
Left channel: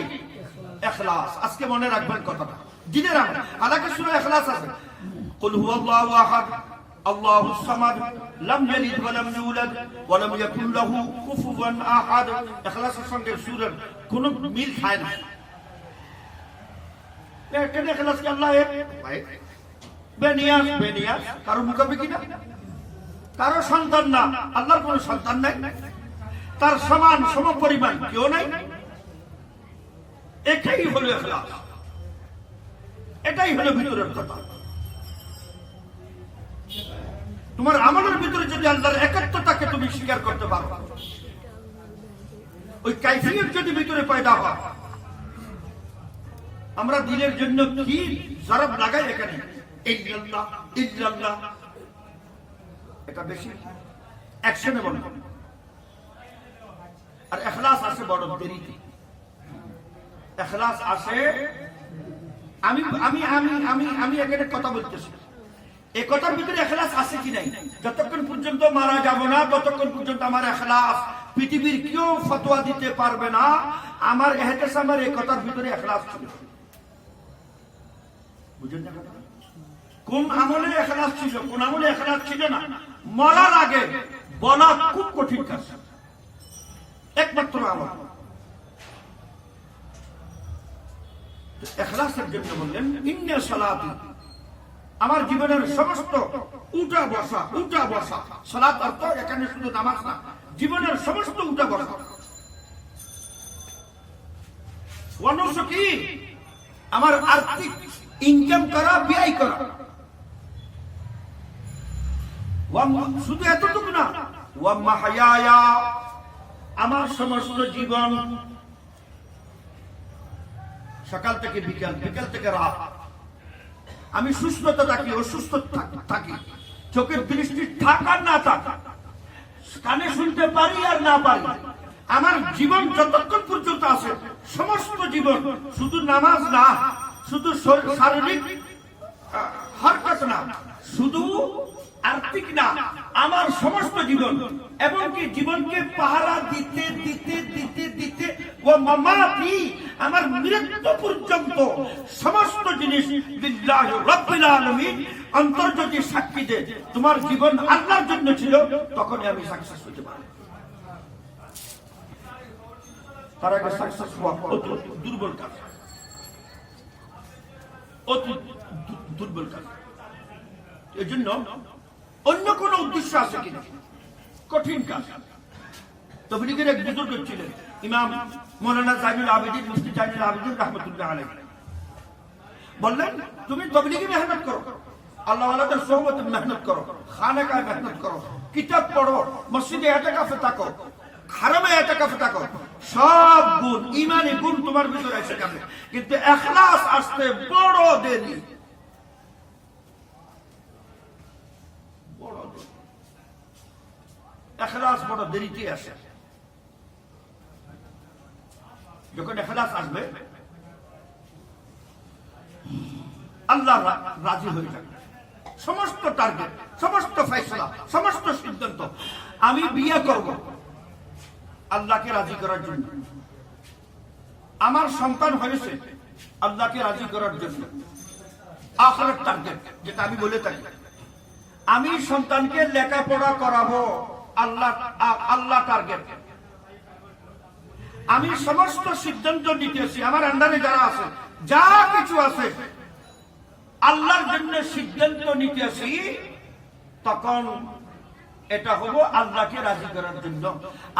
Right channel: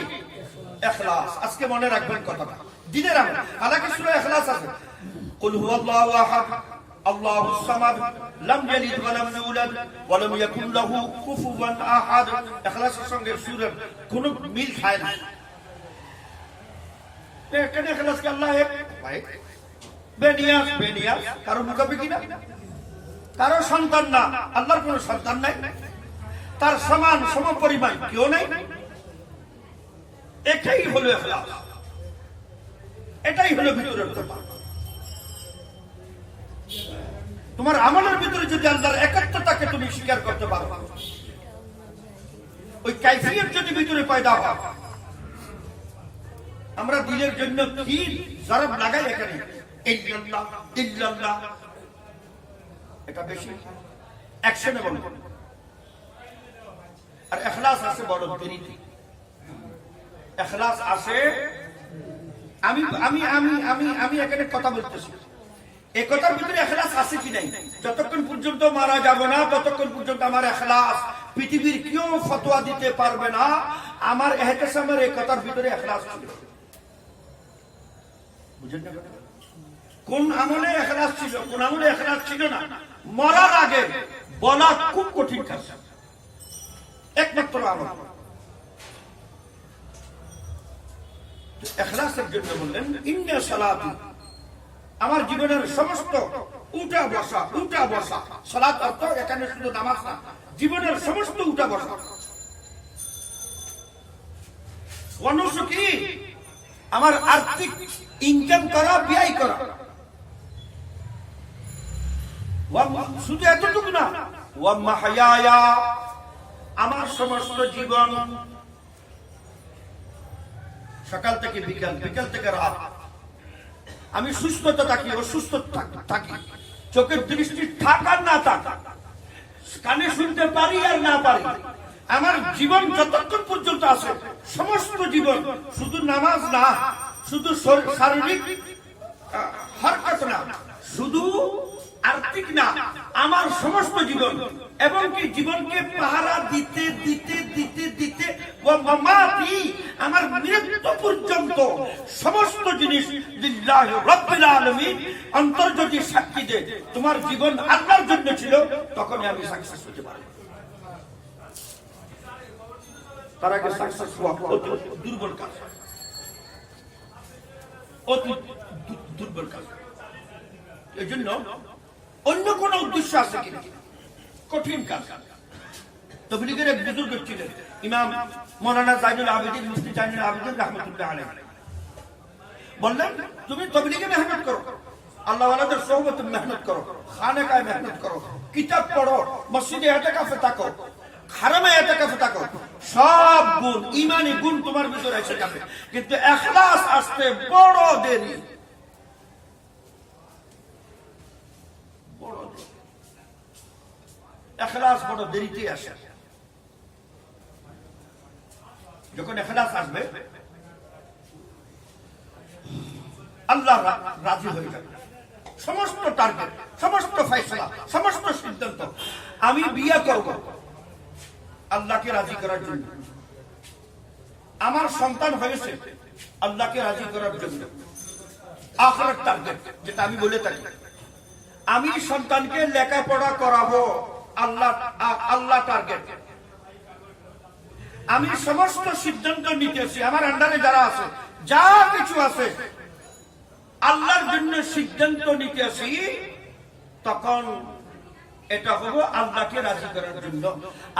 ইখলাস। আজকে মনে রাখবেন কথাটা, দিলের আমল। আলাদা সূরা ইখলাস আছে, কুল হুয়াল্লাহু আহাদ আল্লাহুস সামাদ লাম ইয়ালিদ ওয়া লাম ইউলাদ ওয়া লাম ইয়াকুল লাহু কুফুওয়ান আহাদ। ইখলাসের সঙ্গে সূরার কোনো মিল খায় না। কেন ইখলাস কি? আল্লাহ এক, ভাই বেনিয়াস, কারো মুখাপে কিনা, কারো সন্তান না, আল্লাহর কোনো সন্তান নাই, তার সমান সমপরিমাণ কেউ নাই। এটাই হলো ইখলাস, এটাই হলো ভিতরের কথা। তোমার আমলের ভিতরে যদি আল্লাহর একাত্মতাকে তুমি স্বীকার করতে পারো, ওই কাইফিয়ত যদি ভিতরে পয়দা হয়। আমরা দিনের জন্য কি জরব লাগাই এখানে, ইল্লাল্লাহ ইল্লাল্লাহ, এটা বেশি অ্যাকশনে বলবো। আর ইখলাস আসে বড় দেরিতে। ইখলাস আসে, আমি আমি আমি আমি আমি এখানে কথা বলতেছি, এই কথার ভিতরে ইখলাস আছে কি নাই, যতক্ষণ পর্যন্ত মারা যাব না ততক্ষণ পর্যন্ত আমার ইখলাস পৃথিবীর কেউ ফতোয়া দিতে পারবে না আমার ইহতিসামের এই কথার ভিতরে ইখলাস ছিল। বুঝেন না কথা? কোন আমলে ইখলাস ছিল, কোন আমলে ইখলাস ছিল না, মরার আগে বলা খুব কঠিন কাজ। একমাত্র আমল ইখলাসের জন্য বললেন, ইন্না সালাতি, আমার জীবনের সমস্ত উঠা বসা, সালাত অর্থ এখানে শুধু নামাজ না, জীবনের সমস্ত উঠা বসা, অনুষ্ঠ কি আমার আর্থিক ইনকাম করা, ব্যয় করা, শুধু এতটুকু না, ওয়া মাহইয়ায়া, আমার সমস্ত জীবন, সকাল থেকে বিকাল, বিকাল থেকে রাত, আমি সুস্থতা থাকি, অসুস্থ থাকি, চোখের দৃষ্টি থাক আর না থাক, কানে শুনতে পারি আর না পারি, আমার জীবন যতক্ষণ পর্যন্ত আছে, সমস্ত জীবন, শুধু নামাজ না, শুধু শারীরিক হরকত না, শুধু আর্থিক না, আমার সমস্ত জীবন এবং কি জীবনকে পাহারা দিতে দিতে দিতে দিতে ও মামাতি আমার মৃত্যু পর্যন্ত সমস্ত জিনিস লিল্লাহি রাব্বিল আলামিন অন্তর্জতি সাক্ষী দে তোমার জীবন আল্লাহর জন্য ছিল, তখনই আমি সাকসেস হতে পারি। তার আগে সাকসেস হওয়া অতি দুর্বল কাজ, অতি দুর্বল কাজ। এই জন্য অন্য কোন উদ্দেশ্য আছে কিনা, কঠিন কাজ। তবলিগের এক বুজুর্গ ছিলেন ইমাম মৌলানা জাইনুল আবেদিন, মুফতি জাইনুল আবেদিন রাহমাতুল্লাহ আলাইহি, বললেন তুমি তবলিগে মেহনত করো, আল্লাহ ওয়ালাদের সোহবতে মেহনত করো, খানেকায় মেহনত করো, কিতাব পড়ো, মসজিদে ইতিকাফে থাকো, হারামে ইতিকাফে থাকো, সব গুণ ঈমানি গুণ তোমার ভিতরে এসে যাবে, কিন্তু ইখলাস আসতে বড় দেরি। ইখলাস বড় দেরিতে আসে। যখন ইখলাস আসবে আল্লাহ রাজি হয়ে যাবে। সমস্ত টার্গেট, সমস্ত ফয়সালা, সমস্ত সিদ্ধান্ত, আমি বিয়ে করব আল্লাহকে রাজি করার জন্য, আমার সন্তান হয়েছে আল্লাহকে রাজি করার জন্য, আখিরাত টার্গেট যেটা আমি বলে থাকি, আমি সন্তানকে লেখাপড়া করাবো আল্লাহ টার্গেট, আমি সমস্ত সিদ্ধান্ত নিতেছি, আমার আন্ডারে যারা আছে যা কিছু আছে আল্লাহর জন্য সিদ্ধান্ত নিতেছি, তখন এটা হলো আল্লাহকে রাজি করার জন্য।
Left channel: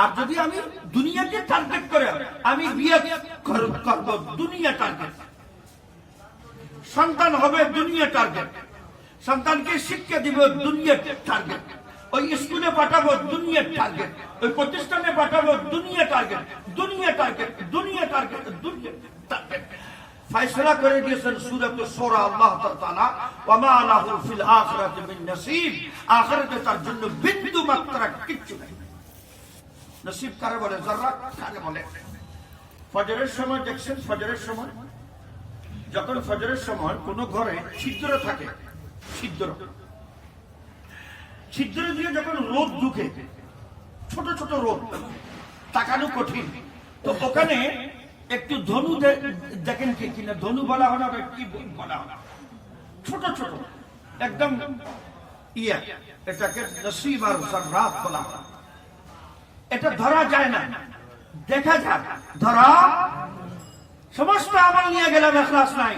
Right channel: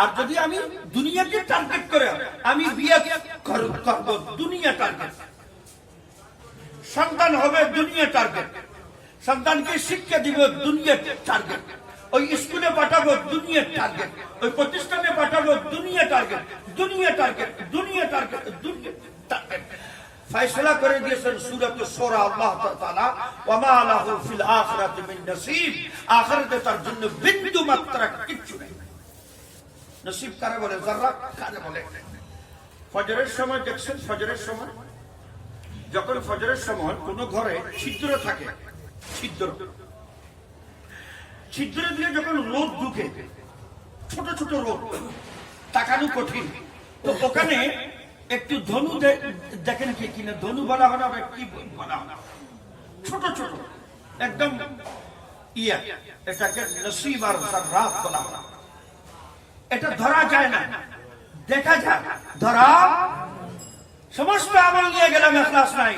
আর যদি আমি দুনিয়াকে টার্গেট করে আমি বিয়ে করব, দুনিয়া টার্গেট, সন্তান হবে দুনিয়া টার্গেট, সন্তানকে শিক্ষা দিব দুনিয়ার টার্গেট, ওই স্কুলে পাঠাবো দুনিয়ার টার্গেট, ওই প্রতিষ্ঠানে পাঠাবো দুনিয়া টার্গেট, দুনিয়া টার্গেট, দুনিয়া টার্গেট, দুনিয়া টার্গেট। ফয়সালা করে দিয়েছেন সূরাত সূরা আল্লাহ তাআলা, ওয়া মা লাহু ফিল আখিরাতি মিন নসিব, আখিরাতে তার জন্য বিন্দু মাত্রা কিচ্ছু নেই। নসিব কারে বলে, যারা কারে বলে। ফজরের সময় দেখছেন, ফজরের সময় যখন ফজরের সময় কোন ঘরে ছিদ্র থাকে, ছিদ্র দিয়ে যখন রোদ ঢুকে, ছোট ছোট রোদ, তাকানো কঠিন, তো ওখানে একটু ধনু দেখেন কি কিনা, ধনু বলা হয় না, কি বলা হয়, ছোট ছোট একদম ইয়া, এটাকে নসিব আর জাররাত বলা হয়। এটা ধরা যায় না, দেখা যায়, ধরা সমস্ত আমল নিয়ে গেলাম, ইখলাস নাই।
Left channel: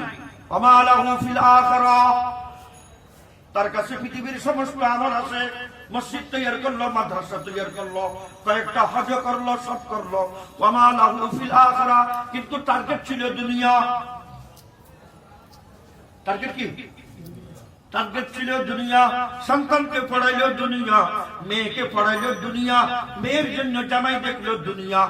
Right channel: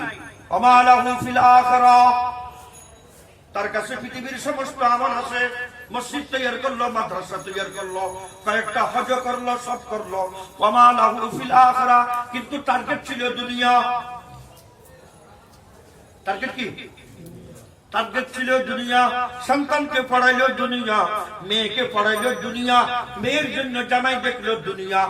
ওয়া মা লাহু ফিল আখিরাহ, তার কাছে পৃথিবীর সমস্ত আমল আছে, মসজিদ তৈরি করলো, মাদ্রাসা তৈরি করলো, কয়েকটা হজ করলো, সব করলো, ওয়া মা লাহু ফিল আখিরাহ, কিন্তু টার্গেট ছিল দুনিয়া। টার্গেট কি? টার্গেট ছিল দুনিয়া। সন্তানকে পড়াইলো দুনিয়া, মেয়েকে পড়াইলো দুনিয়া, মেয়ের জন্য জামাই দেখলো দুনিয়া,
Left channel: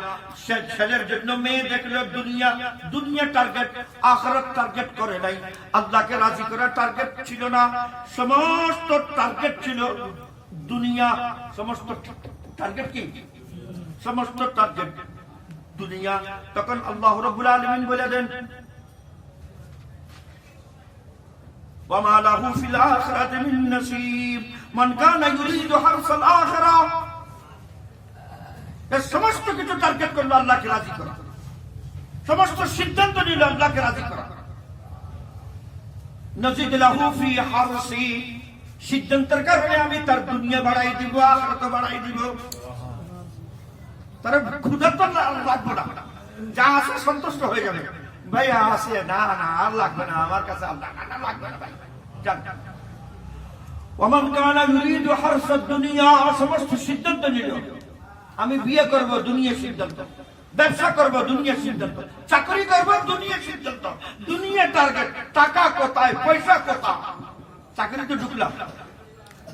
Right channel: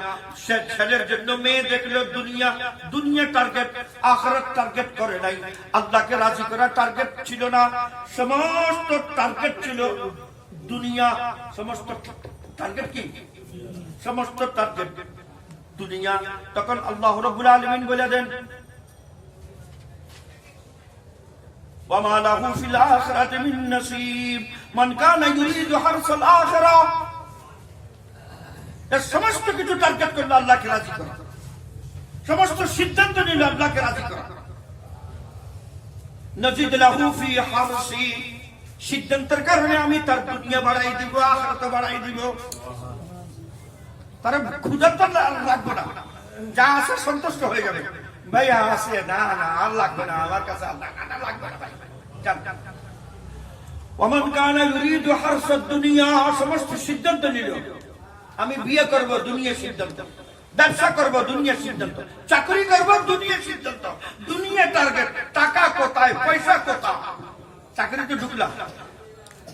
ছেলের জন্য মেয়ে দেখলো দুনিয়া, দুনিয়া টার্গেট, আখিরাত টার্গেট করে নাই। আল্লাহকে রাজি করা টার্গেট ছিল না, সমস্ত টার্গেট ছিল দুনিয়া। সমস্ত টার্গেট কি? সমস্ত টার্গেট দুনিয়া। তখন আল্লাহ রাব্বুল আলামিন বলে দেন, وما له في الآخرة من نصيب من كان يريد حرث الآخرة। সমস্ত কিছু টার্গেট করলো আল্লাহকে রাজি করা, সমস্ত সিদ্ধান্ত নিল আল্লাহকে রাজি করা। নজিদ লাহু ফি হারসি, সিদ্ধান্তের কারণে আমি তার দুনিয়া বাড়াই দিব, আখিরাত বাড়াই দিব। তার ক্ষুধা তো লাগবে না, যা আছে সন্তুষ্ট হয়ে যাবে। ভাই আছে, না না আর লাগবে না, আমার কাছে আল্লাহ লাগবে না। ওমান কানা ইউরিদু হারসাদ দুনিয়া, সমস্ত সিদ্ধান্ত নিল, আমি বিয়ে করব দুনিয়া সিদ্ধান্ত, ব্যবসা করব দুনিয়া সিদ্ধান্ত, চাকরি করব দুনিয়া সিদ্ধান্ত, দুনিয়া টার্গেট। টাকা কোথায়, পয়সা কোথায়? চাকরিতে ঢুকলাম,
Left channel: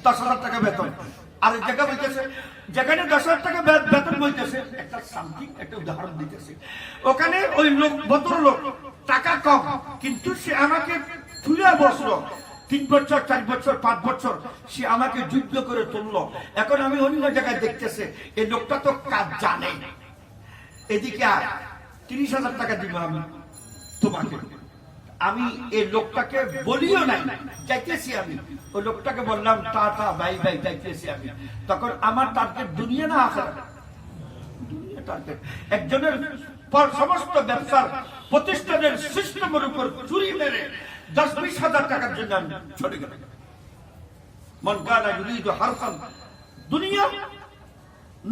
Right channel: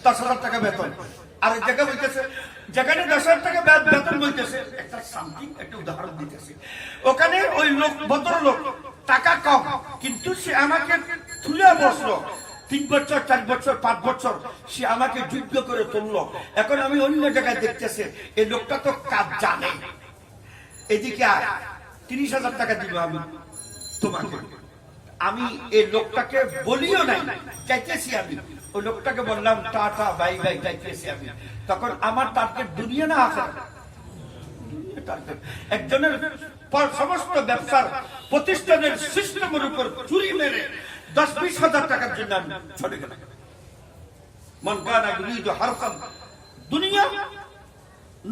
10,000 টাকা বেতন, আর জায়গা বলতেছে, যেখানে 10,000 টাকা বেতন বলতেছে, একটা সামথিং একটা উদাহরণ দিতেছে, ওখানে ওই লোক, ভদ্রলোক, টাকা কম, কিন্তু সে আমাকে তুলে বসলো 3 বছর, 4 বছর, 5 বছর, সে আমাকে যোগ্য করে তুললো। এখন আমি অন্য জায়গায় দেখতেছে, এই লোকটা তো কাজ জানে, এদিকে আর 30,000 টাকা দিব আমি তোমাকে। আমি এই লোকটাকে বলিও নাই, চাইতেছি আমি ওই লোকটাকে বললাম টাটা বাই বাই যাইতেছি আমি, তখন আমার টার্গেট দুনিয়া না আখিরাত। একজনের সমস্ত ব্যবসার প্রতিষ্ঠানের সিস্টেমের উপর চুরি মেরে 10-20 হাজার টাকার জন্য আমি ছড়ে গেলাম। মন কানা ইউরিদু হারসান দুনিয়া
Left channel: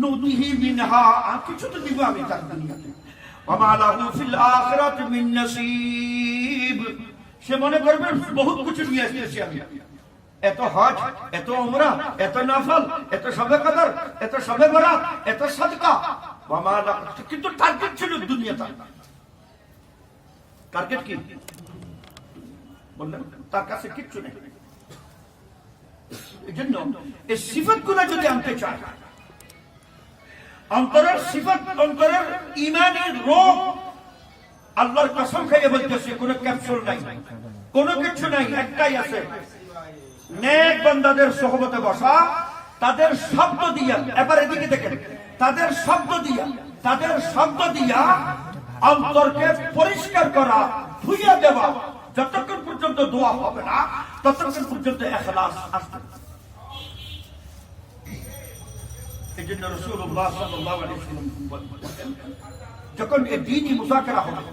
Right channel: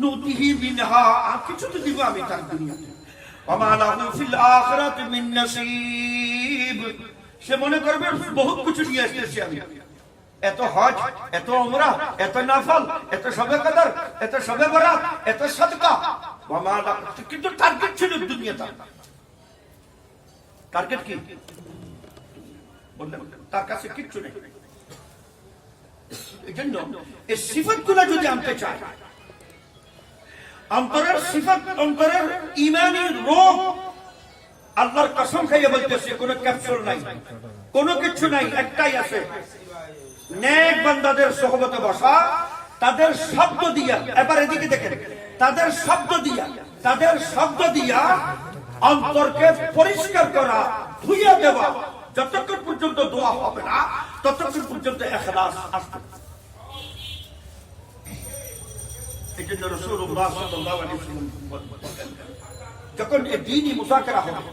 নুতিহি মিনহা, আর কিছু তো দিব আমি তার দুনিয়াতে। ওয়া লাহু ফিল আখিরাতি মিন নসিব, সে মনে করবে বহুত কিছু নিয়ে এসেছি আমি, এত হজ, এত উমরা, এত নফল, এত শবে কদর, এত শবে বরাত, এত সাদকা, কিন্তু টার্গেট ছিল দুনিয়াটা। টার্গেট কি বললেন? তার কাছে কিচ্ছু নেই। এই জন্য এই সিফাত গুলা যদি আনতে চায়, অন্তরের সিফাত, অন্তরের ইমানি রোগ, আল্লাহর কসম খাইয়ে বলতেছে কোনো ক্যাপসুল নাই, কোনো কিছু নাই, একটাই আছে, নেক বান্দাদের সোহবতে বসা, তাদের শব্দ দিয়া, এবার এদিকে দেখেন, তাদের শব্দ দিয়া অন্তরকে পরিষ্কার করা, ধুইয়া দেওয়া। যতক্ষণ পর্যন্ত দোয়া হবে না ততক্ষণ পর্যন্ত ইখলাস আসবে। এই জন্য রাসূলুল্লাহ সাল্লাল্লাহু আলাইহি ওয়াসাল্লাম বলেন, যখন এই দ্বীনি মুযাকারা হবে,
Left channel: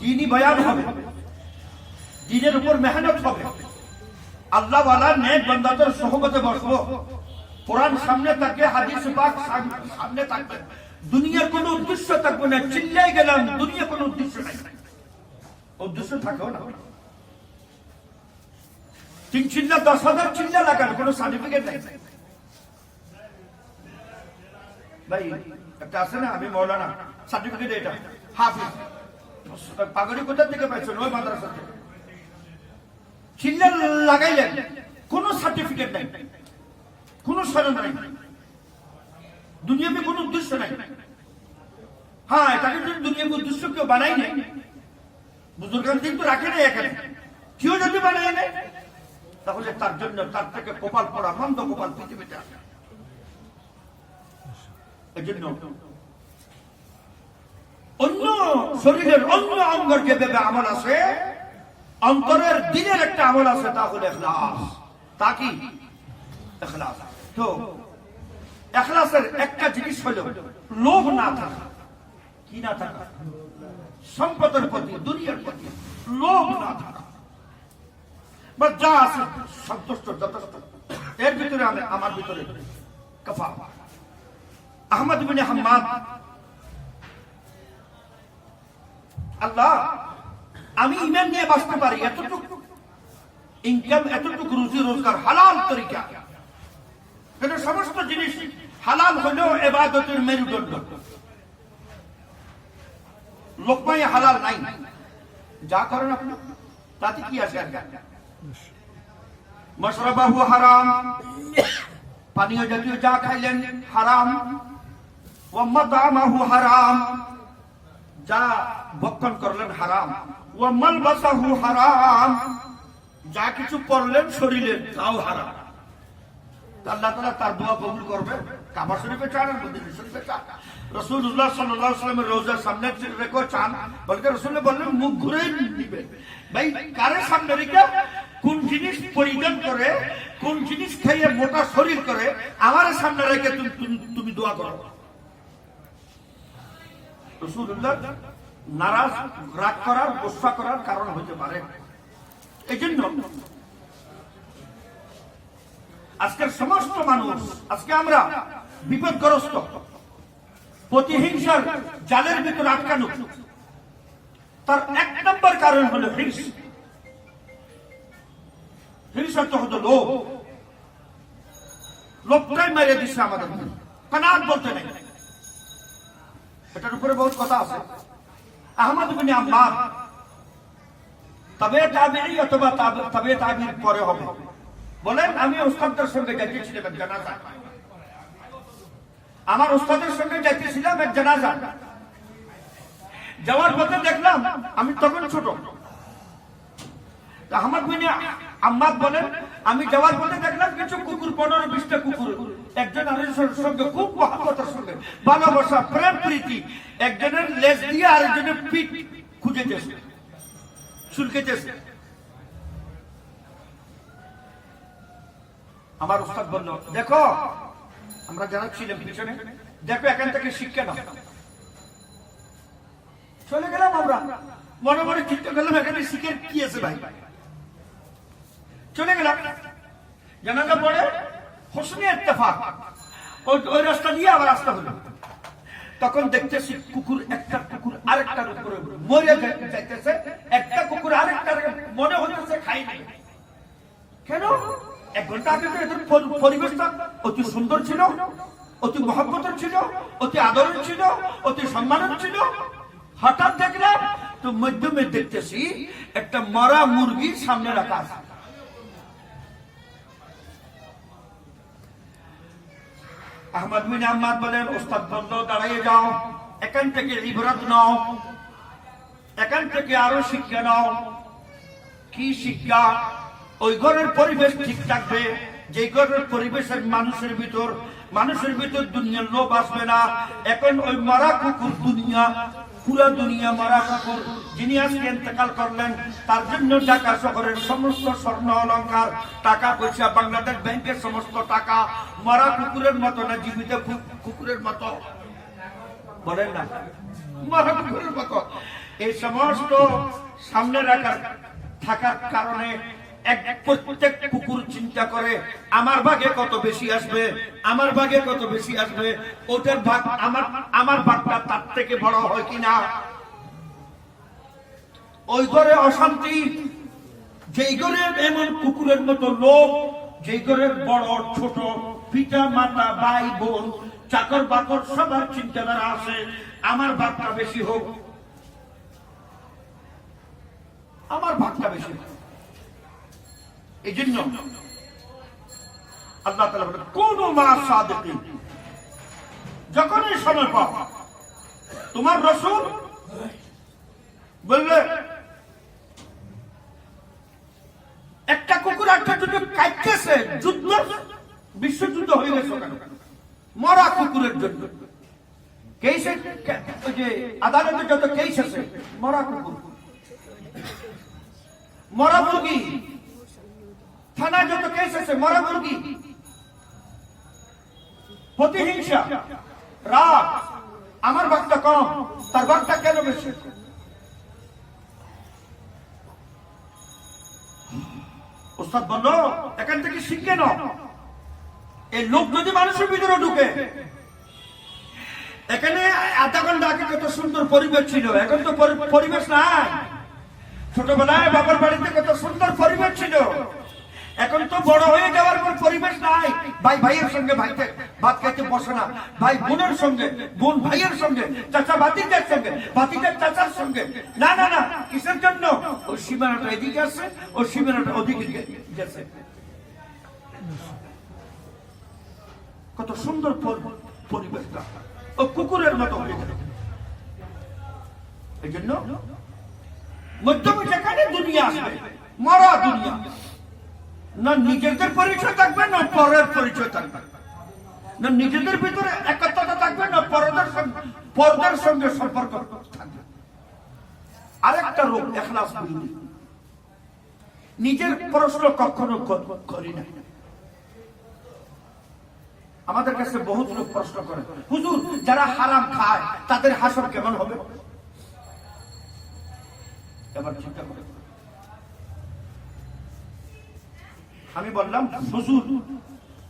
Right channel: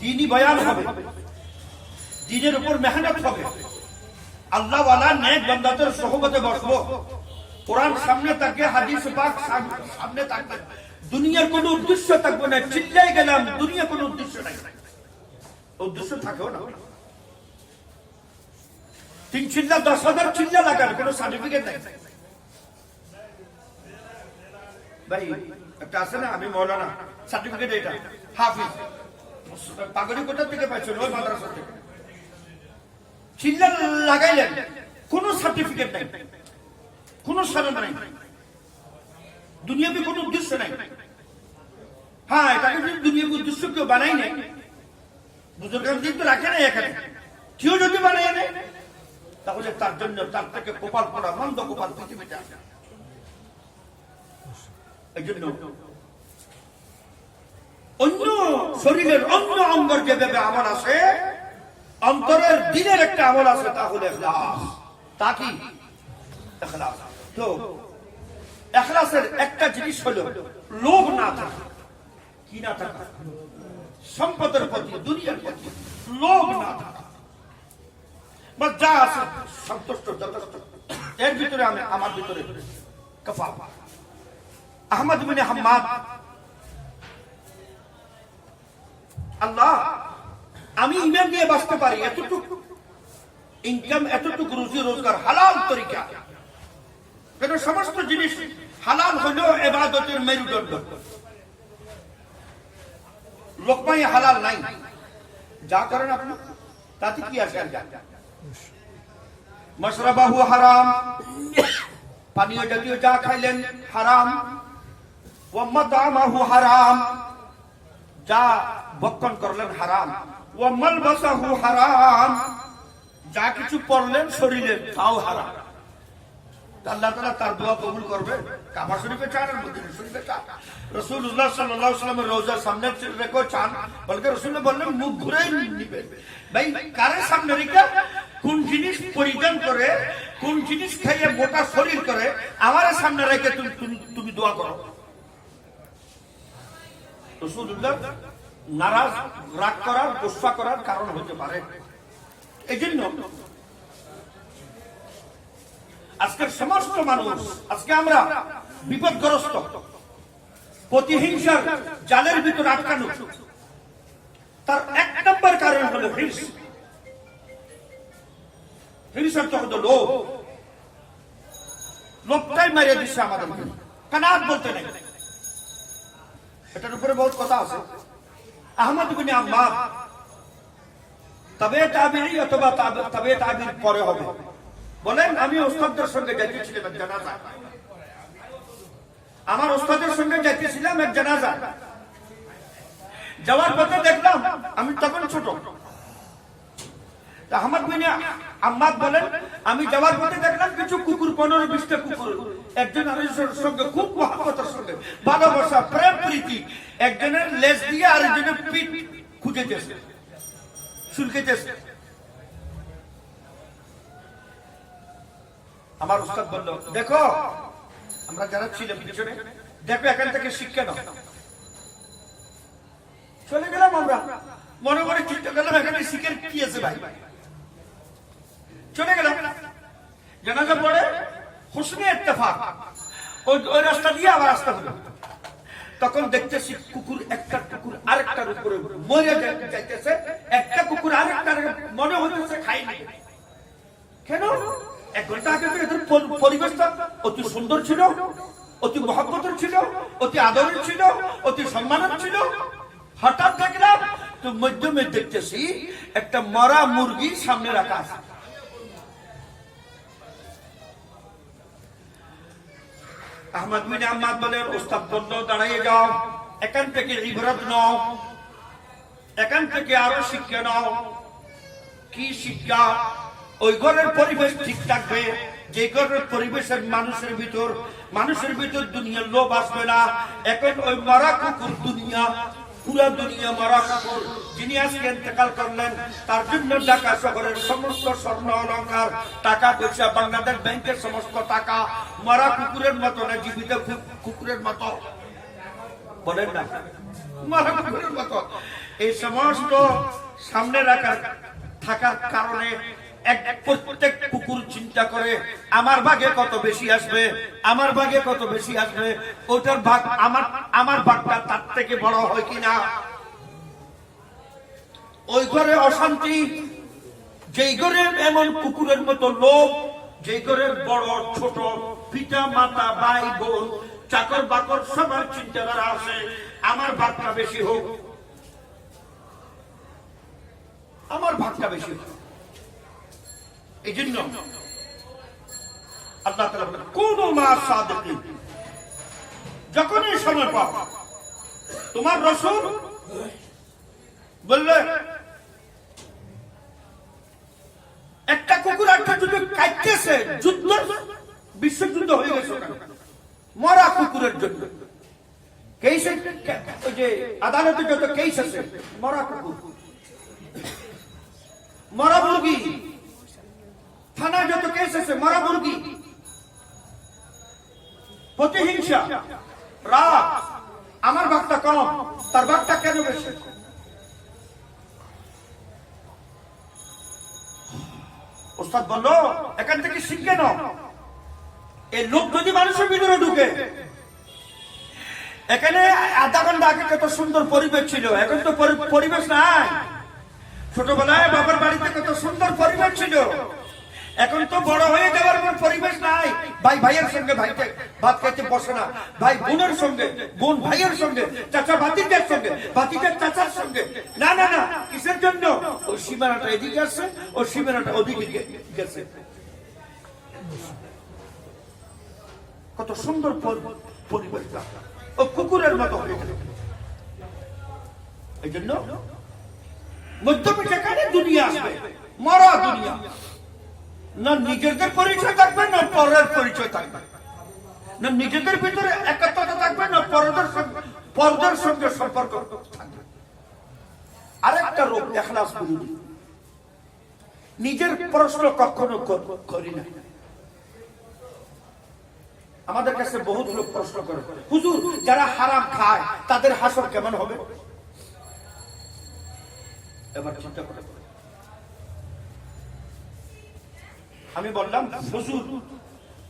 দ্বীনি বয়ান হবে, দ্বীনের উপর মেহনত হবে, আল্লাহ ওয়ালা নেক বান্দাদের সোহবতে বসবো, কোরআন সামনে থাকবে, হাদিস পাক সামনে থাকবে, দুনিয়ার কোনো উদ্দেশ্য থাকবে না। চিল্লাই গেলাম, দুনিয়া কোনো উদ্দেশ্য নাই, উদ্দেশ্য থাকেও না। 3 চিল্লা 10,000 চিল্লা লাগান, কোনো সার্টিফিকেট নাই। ভাই একটা আছে না, আমি মৌলানা, সার্টিফিকেট এটা, হাফিজ, পাগড়ি কোথা থেকে পাইছো? ওই মাদ্রাসা থেকে। চিল্লা লাগাইলেন, কোনো সার্টিফিকেট নাই, কোনো সনদ নাই, দুনিয়াতে কোনো উদ্দেশ্য নাই। হ্যাঁ, এটাকে যদি দুনিয়াকে উদ্দেশ্য কেউ বানাই নেই, বুজুর্গান কিন্তু রাখে নাই এখানে, কেউ যদি বানাই নেই, তাহলে তার জন্য তার থেকে কপাল পড়া, মন্দ কপাল পৃথিবীতে আসে। এই জন্য অন্য শরীরের অন্য অঙ্গের যেভাবে আমল আছে, অন্তরের দিনের একটা আমল আছে, তা হলো ইখলাস। তা কি? ইখলাস। তো ইখলাসের একটা জিনিস হলো লোভ না থাকা। কি না থাকা? সম্পদের প্রতি, দুনিয়ার প্রতি লোভ না থাকা। বা যা আছে সন্তুষ্ট, যথেষ্ট। এর ভিতরে আমি, আমার ভিতরে কাফা। আহমদ ইবনে হাম্মাদ, আল্লাহ আমি ইমান দিয়ে বাঁচতে পারি, এতটুকু ইনকাম, এতটুকু রুজি রোজগার হালাল তরিকা, কিন্তু সমস্ত জিনিস হালাল হলেও ইবাদতের মেরুদণ্ড। লোকমাই হালাল নাই, যা করেন আপনি তাতে কি আসে? মাশরাবাহু হারাম, পানীয় জাতীয় যা খাইলেন হারাম, ওয়া মাতামাহু হারাম, যা ভক্ষণ করলেন হারাম, ওয়া মালবাসাহু হারাম, যা কিছু পড়লেন শরীরের তাও হারাম। আল্লাহ তাআলা তার দোয়া কবুল করবে? কাবা শরীফে চান, মদিনা শরীফে চান, রাসূলুল্লাহ সাল্লাল্লাহু আলাইহি ওয়াসাল্লামের রওজার সামনে রেখে চান, বলকে রাসূল বললেন মুখ ঘুরে নিবেন। ভাই কারে সামনে রেখে, কোন জিনিস পরিধান করে, কোন জিনিস খাইয়ে মোটা শরীর করে, আমার সামনে রেখে তুমি দোয়া করো। রাসূলুল্লাহ নারাজ, রাগ করার, গুসা করার কারণ হতে পারে। এই জন্য আজকের সমস্ত মানুষ, আজকে আমরা বিপদগ্রস্ত, প্রতিহিংসার জালের ভিতরে আটকানো। তার 1 নম্বর কারণ হলো হিংস। হিংস তো হতো লোভ। লোভটাই মারিয়ে দিচ্ছে আমাদেরকে, কানাত বলতে নেই। এটার উপরে বহুত কথা আছে। আহমদ ইবনে হাম্মাদ তবে তাবিঈ অথবা তবে তাবিঈর পরে হবে, বলেন আমি ওস্তাদের সঙ্গে যাইতেছিলাম এক জানাজা, আমার ওস্তাদের সঙ্গে যাইতেছিলাম এক জানাজা। যাওয়ার পথে দেখলাম, আমি তখন ছোট, আহমদ বিন হাম্মাদ বলেন আমি যাওয়ার পথে দেখলাম কিছু কুকুর, 15-20টা কুকুর একজন আরেকজনের সঙ্গে খুব মহব্বতের সঙ্গে, ভালোবাসা, প্রেম প্রীতি, একজনের লেজ দিয়ে আরেকজনের পিঠ খুঁজেতেছে, চুলকেতেছে। আমার উস্তাদ বলল, দেখো আমরা যারা ছিলাম পিছনে, দেখো এখান থেকে শিক্ষা নাও। চলে গেলাম আমরা, মনে মনে চিন্তা করলাম এখানে শিখে কি আছে ভাই। চলে গেলাম, জানাজা পড়ে হোসনে ইত্তেফাক ওই রাস্তা দিয়ে আবার রাস্তা হলো। তখন দেখতেছি কুকুর, একটা কুকুর আরেকটার উপরে মরে যাইতেছে, একটা কুকুর আরেকটার মনে হইতেছে খাইনি। কেন? 1 ঘন্টা আগে তো এদের পরিবেশটা অতি সুন্দর ছিল, অতি মহব্বতের ছিল, অতি আদরের ছিল, অতি সম্মানের ছিল। হঠাৎ দেখলাম তো মধ্যমে দেখতেছি একটা মরা মুরগি সামনে রাখা আছে। আহমদ বিন আহমদ বলেন, উস্তাদ বলল দাঁড়িয়ে যাও, এখান থেকে ইবরত নাও, এখান থেকে আরো শিক্ষা নাও। কি শিক্ষা? ওই ঘরের পরিবেশ ঠিক থাকবে, যে ঘরের পরিবেশের মানুষের ভিতর দুনিয়ার লোভ আসবে না। এখন ওই মরা কুকুর দুনিয়া, পুরা দুনিয়া মরা কুকুর। যিনি আজকে ইন্তেকাল করলেন তার জন্য ঢাকা শহরের সমস্ত স্বর্ণ অলংকার, টাকা পয়সা, বাংলাদেশ ব্যাংকের সমস্ত টাকা মরা কুকুরের মতো না, জীবিত কুকুরের মতো। বলেন না, মরা কুকুরের মতো। এই সমস্ত সামনে থাকার কারণে প্রত্যেক কুকুর চিন্তা করে আমার ভাগে কত বেশি আসবে, আমার ভাগে কত বেশি আসবে, ওটার ভাগ আমার ভাগটা তার থেকে বড় হয় কিনা। ওই ঘরে অশান্তি, যেই ঘরে এমন কুকুরের মতো লোক, যেই ঘরে বড় ছোট, পিতা মাতা, ভাই বোন, চাকর বাকর সবার চিন্তাধারা আছে আমার ভাগটা বেশি হোক, আমার ভাগটা বেশি হোক। এই জন্য আল্লাহ তাআলা বলেন, কুনু মা সাদিকিন। যখনই সময় পাবে, তোমার রাসূল বললে একটা কুকুর একটা যদি কাটতেছে, যুদ্ধ, বিশ্বযুদ্ধ হয়ে গেছে কেন? মরা কুকুরের জন্য। কেসে, ওই যে আদালতে যত কেস আছে, মরা কুকুর, মরা মুরগি, থানায় যত কেস আছে মরা মুরগি, প্রতিহিংসা, রাগ, আমার ভাগটা কম, তার ভাগটা কেন বেশি? ওস্তাদ বলল এখান থেকে শিখে নাও। এই লোক যদি মানুষের ভিতরে ঢুকে, এখানে আধা ঘন্টা আগে কত সুন্দর পরিবেশ ছিল, এখন তো পরিবেশ নাই। ছোটবেলায় বাবার বাড়িতে কত সুন্দর পরিবেশ ছিল, এখন তো বড় হয়ে যাওয়ার পর পরিবেশ নাই। ভাই ভাইয়ের সঙ্গে ভাইকে ভাত খাইতে বসে না, ভাই বোনের সঙ্গে, বোন ভাইয়ের সঙ্গে, চাচা ভাতিজার সঙ্গে, ভাতিজার চাচার সঙ্গে। না না না, কিসের জন্য? ওই সীমানাটা এদিকে আসছে, ওই সীমানাটা ওদিকে গেছে। কত সুন্দর পরিবেশটা, ও কুকুরের মতো হয়ে গেল। এই জন্য মধ্যমে যেখানে দুনিয়া আসবে, মরা দুনিয়া, না নিজেদের পরিচয় থাকবে না পরের পরিচয় থাকবে, না নিজেদের ভিতরে একত্রতা থাকবে না পরদের সঙ্গে সম্পর্ক থাকবে। আরেকটা রোগ ইখলাস বিরোধী। নিজের প্রশ্ন কখনো করি না। আমাদের কাছে বহুত লোক প্রশ্ন করে, হুজুর যারা হারাম খায় তাদের হাসর কেমন হবে? এবার চিন্তা করে আমি বললাম, হুজুর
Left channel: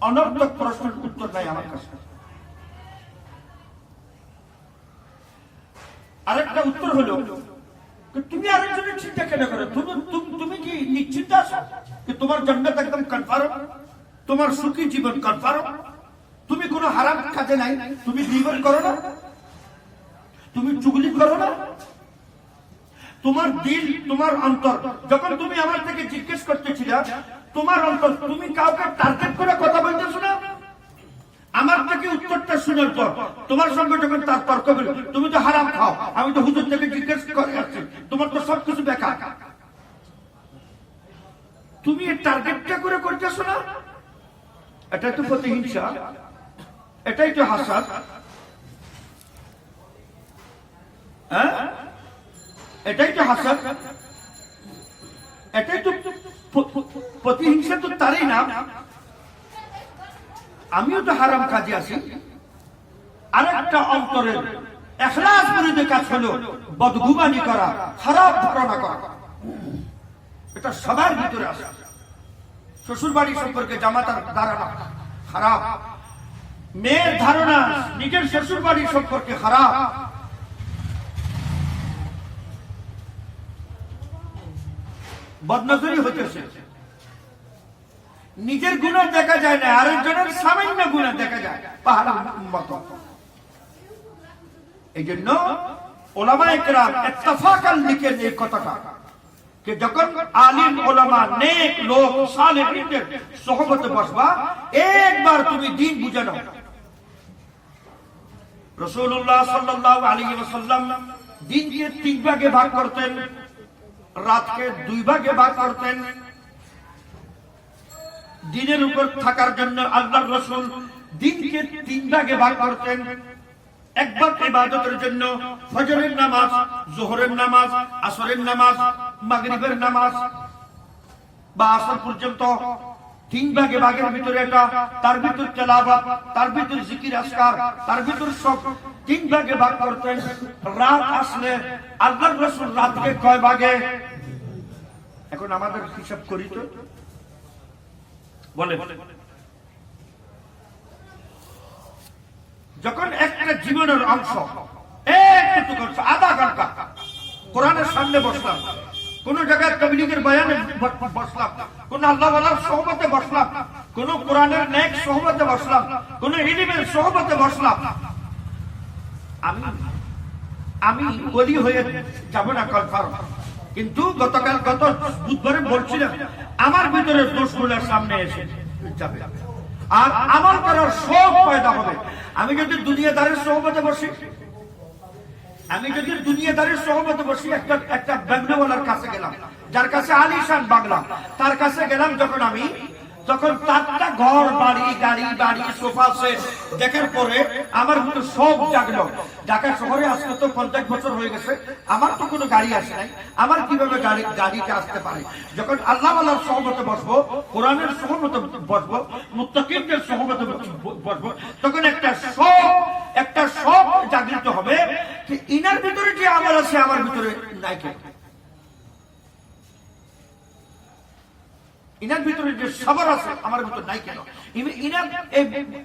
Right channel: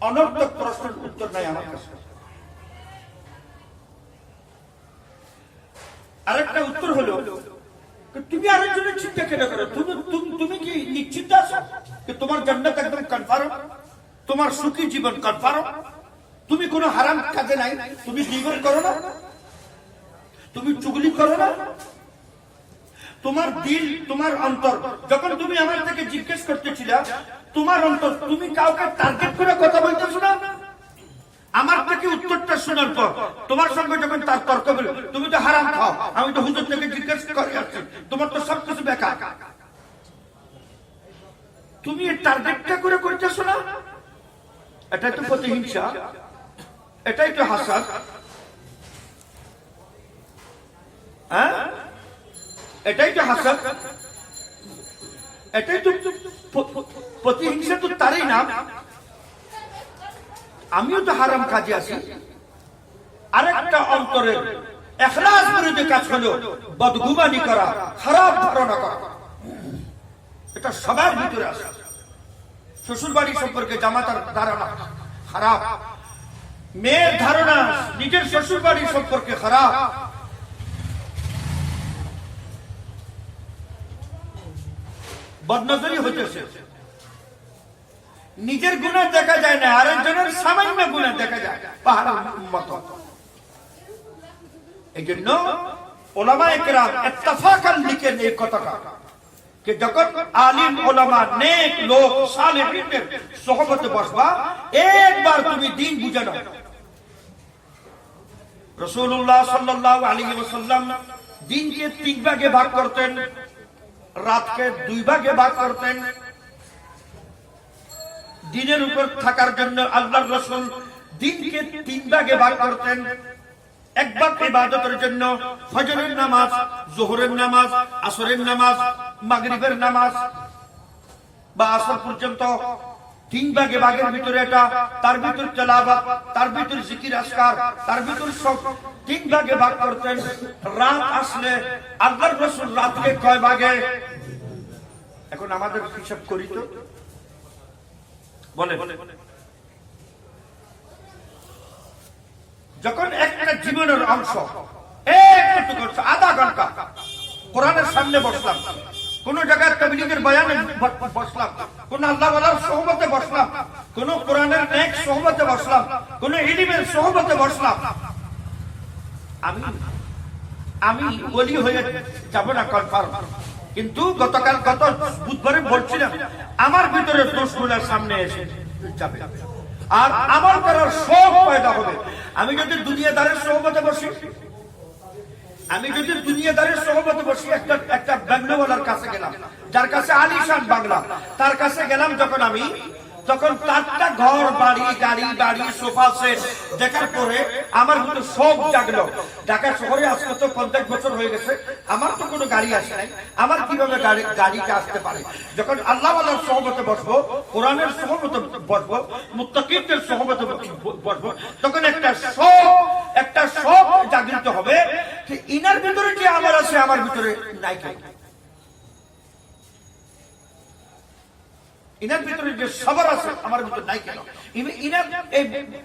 অনর্থক প্রশ্নের উত্তর নাই আমার কাছে। আরেকটা উত্তর হলো, তুমি আরেকজনের চিন্তা কেন করো? তুমি কি নিশ্চিত আছো তোমার জান্নাত একদম কনফার্ম, তোমার সুখী জীবন কনফার্ম? তুমি কোনো হারাম কাজে নাই, তুমি গীবত করো না, তুমি চুগলি করো না, তোমার দিল, তোমার অন্তর, যখন তুমি আমার থেকে জিজ্ঞেস করতেছিলে তোমার অন্তর, তুমি কাউকে টার্গেট করে কথা বলতেছো না? আমার থেকে উত্তরটা শোনার পর তোমার সঙ্গে যখন তার তর্ক বলি, তুমি তো হারাম খাও, আমি তো হুজুর থেকে জিজ্ঞেস করে আসছি, তোমার তো সবকিছু বেকার। তুমি এই টার্গেটটা করে করতেছো না? এটাই তো প্রতিহিংসা, এটাই তো হাসাদ। হ্যাঁ, এটাই তো হাসাদ, এটাই তো প্রতিহিংসা, তো তারই নাম। আমিও তো হারাম কাজে আছি। আরেকটা অন্তরের ইখলাস বিরোধী কাজ হলো বদগুমানি করা, খারাপ ধারণা করা। এটা সবার ভিতরে আসে। শ্বশুর বাড়ি সম্পর্কে জামাতার ধারণা খারাপ, মেয়ের ধারণা নিজের শ্বশুর বাড়ি সম্পর্কে খারাপ। বদনজরি হতেছে। নিজের গুনাহ দেখা যায় না, আরেকজনের সামান্য গুনাহ দেখা যায় পাহাড়ের মতো। এই জন্য ওলামায়ে কেরাম ইত্তেফাকান লিখেন এই কথাটা, যে যখন আলিম ওলামা নেক লোক সালেহীনদের সোহবতে বসবা, একবার তুমি দিন বুঝে নাও। রাসূলুল্লাহ সাল্লাল্লাহু আলাইহি ওয়াসাল্লাম দিনকে 3 ভাগে ভাগ করতেন, রাতকে 2 ভাগে ভাগ করতেন। দিনের উপর থাকার জন্য আল্লাহর রাসূল দিনকে 3 ভাগে ভাগ করতেন। এক ভাগ ইবাদতের জন্য, ফজরের নামাজ, যোহরের নামাজ, আসরের নামাজ, মাগরিবের নামাজ বা আসর পর্যন্ত 3 ভাগে ভাগের ভিতরে এটা, তার ভিতর তেলাওয়াত, তার ভিতর জিকির আজকার, তার ভিতর সব 3 ভাগে ভাগ করতেন। রাত আসলে আল্লাহর রাসূল রাতকে কয় ভাগে? এখন আমাদের হিসাব করি তো, বলে যখন একটা জীবনের অংশ একটু করছে, আধা ঘন্টা কোরআনের সামনে বসলাম, কোন জায়গায় তাবলীগের বয়ানে বসলাম, কোন আল্লাহওয়ালার সোহবতে বসলাম, কোন কোরআনের নেক সোহবতে বসলাম, কোন ইলমের সোহবতে বসলাম, আমি ওলি হয়ে যাব না কনফার্ম। কিন্তু গত বুধবারে বলছিলাম, আমার ভিতরে দোষগুলোর সামনে এসে যাবে আর আমল করার শখ পয়দা হবে। আমি যদি দুনিয়াদারের সোহবতে বসি, একটা বাংলাওয়ালার কাছে গেলাম, যার কাছে আলিশান বাংলা, তার কাছে গেলাম যখন আমি, তখন তারটা ঘর বাড়ি গাড়ি সোফা সেট দেখার পরে আমার ভিতরে সব জাগলো। ঢাকা শহরে আজকে তো 50 বছর হয়ে গেছে, আমার তো কোনো গাড়ি আসে নাই, আমার কিভাবে গাড়িটা আসতে পারে? যখন আল্লাহওয়ালার সোহবতে বসবো, কোরআনের সোহবতে বসবো, মুত্তাকিনদের সোহবতে বসবো, তখন একটা শখ জাগৃত হবে যে ইনার ভিতরে যে আমার আছে, আমার ভিতরে নাই কেন? ইনার ভিতরে যে সবার আছে, আমার ভিতরে নাই কেন? ইনার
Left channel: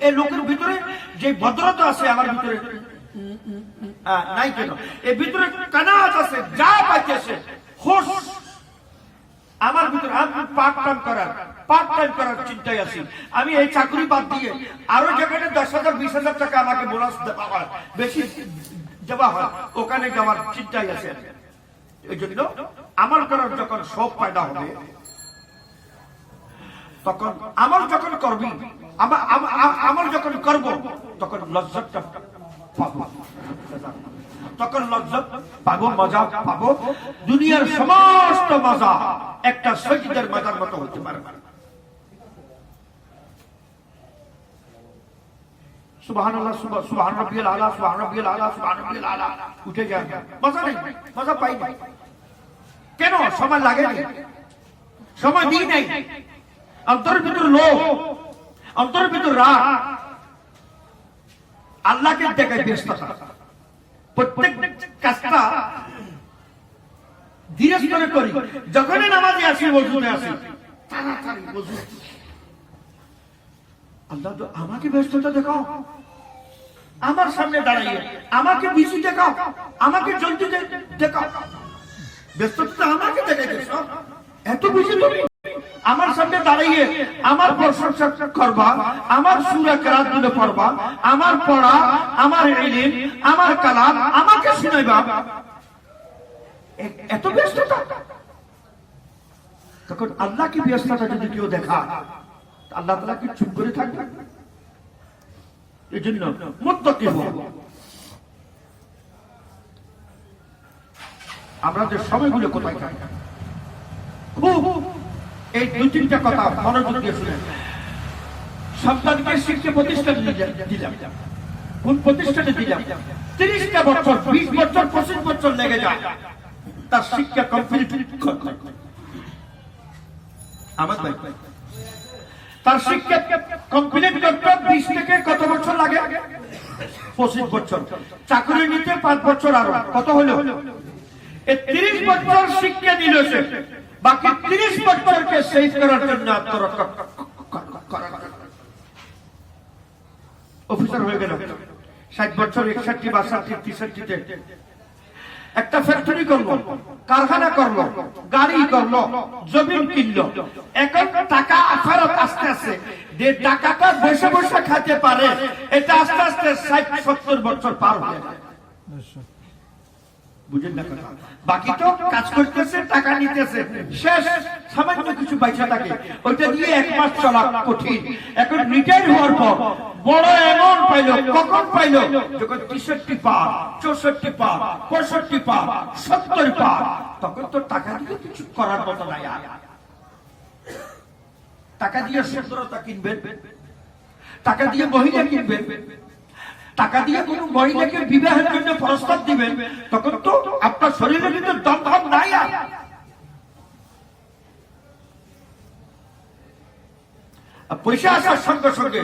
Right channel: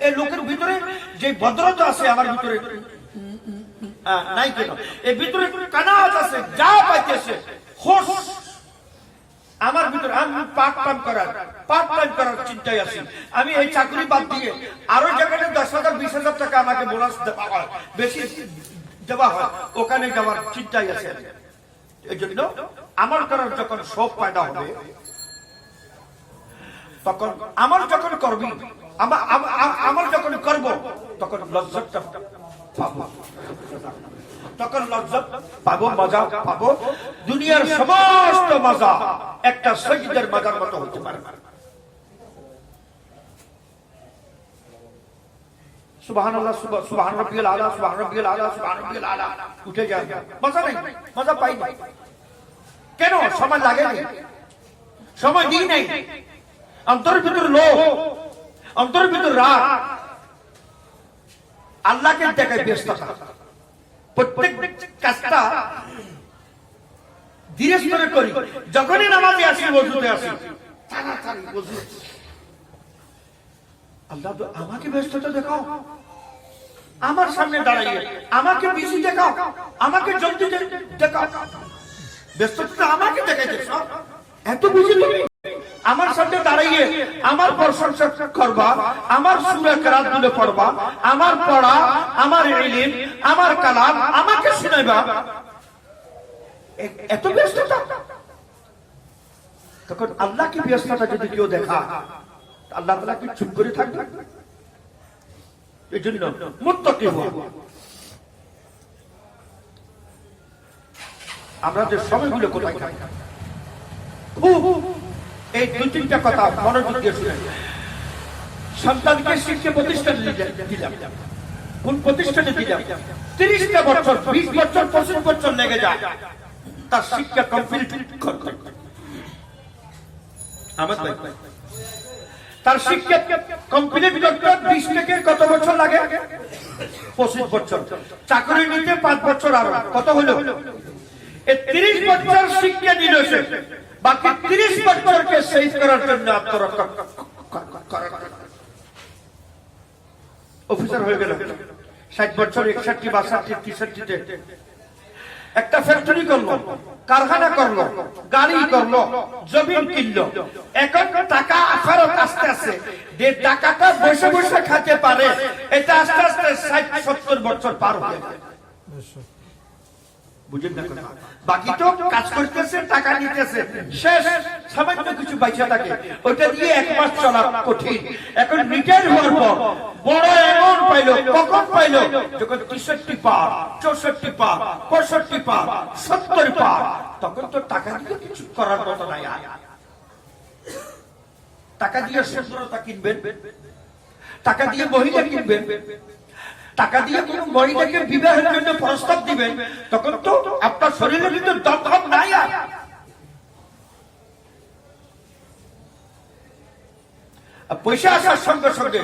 এই লোকের ভিতরে যে ভদ্রতা আছে, আমার ভিতরে নাই কেন? এর ভিতরে কানাত আছে, যা পাইতেছে হোশ আমার ভিতরে। আমি পার্ট টাইম করার চিন্তায় আছি। আমি এই চাকরি বাদ দিয়ে আরো যেখানে 10,000 20,000 টাকা আমাকে বোনাস দেওয়া হয়, বেশি দেওয়া হয়, ওখানে যাওয়ার চিন্তায় আছে। এই জন্য আমার করার যখন শখ পয়দা হবে, তখন আমল যখন করবি, আমল যখন করব, তখন লজ্জাটা পাবো, মজা পাবো। দুনিয়ার সমস্ত মজা একটা সৈয়দের মজার মতো হতে পারে। সুবহানাল্লাহ, সুবহান রাব্বিয়াল আলা, সুবহান রাব্বিয়াল আলা, সুবহান রাব্বিয়াল আলা উঠে যায়, মজা নেই, মজা পাই না। কেন? সময় লাগে নাই, সময় দিই নাই। অন্তরের ভিতর লোভ, অন্তরের ভিতর রাগ, আল্লাহকে দেখায় ব্যস্ততা। প্রত্যেক কাজটা ধীরে ধীরে করি। যখনই নামাজে আসি, ওযুতে আসি, তাড়াতাড়ি ওযু। আল্লাহ তো আমাকে ব্যস্ততা দেখাও, আমার সামনে দাঁড়াইয়ে আমাকে বিজি দেখাও, আমাকে জলদি দেখাও। ব্যস্ততা আমাকে দেখাইতেছ, এত বিজি তুমি আমার সামনে দাঁড়াইয়ে আমার প্রশংসা করবা, আমার সূরা কেরাত গুলো পড়বা, আমার পড়া, আমার ইলম, আমার কালাম আমাকে শুনাইবা, এত ব্যস্ততা। তখন আল্লাহকে ব্যস্ততা যদি কেউ দেখা, আল্লাহ তাআলা কি চুপ করে থাকবে? এই জন্য মুত্তাকি হও। আমরা যে সময়গুলো কোথায় থাকি, এই 2-3টা কথা মনোযোগ দিয়ে শুনে। সন্তানকে শিক্ষা প্রতিষ্ঠান দিলাম, কোন প্রতিষ্ঠানে দিলাম? 30টা বছর, 20 বছর, 25 বছর লেগে যায় তার শিক্ষা কমপ্লিট করতে। আমার তার শিক্ষা কমপ্লিট করতে 20 থেকে কত বছর লাগে? 25 বছর। চাকরি নিতে 5 বছর, আরো কত হলো? 30 বছর শিক্ষা দিল সে, বাকি 30 বছরকে সেভ করার জন্য আত্মরক্ষা অফিসার হয়ে গেল। 60 বছর 61 62 63-তে একটা ফ্যাক্টরি করলো, কারখানা করলো, গাড়ি করলো, জমিন কিনলো। এখন টাকা ফেরত আস্তে আস্তে যে টাকাটা বসে বসে খাইতে পারে, এটা আস্তে আস্তে 60-70 বছর পার হয়ে যায়। বুঝেন না? বাকি তো কাজ করতেছে, টাকা নিতেছে, শেষ সামান্য কিছু পয়সা থাকে, ওইটা দিয়ে 1 মাস চলা কঠিন। এখন রিটায়ার হওয়ার পর বড় এমন পাইলো, কখন পাইলো? যখন 63 পার, 64 পার, 65 পার, 70 পার, তখন তো টাকা দিয়ে কিছু করার মতো নাই। আর টাকা দিয়ে সুন্দরতা কিনবেন, টাকা দিয়ে মহিলা কিনবেন, টাকা দিয়ে কোন মহিলাকে বিবাহের জন্য প্রস্তাব দিবেন, তখন তো আপনার শরীরে কিন্তু দমদম নাই। আর পয়সা আসার সঙ্গে সঙ্গে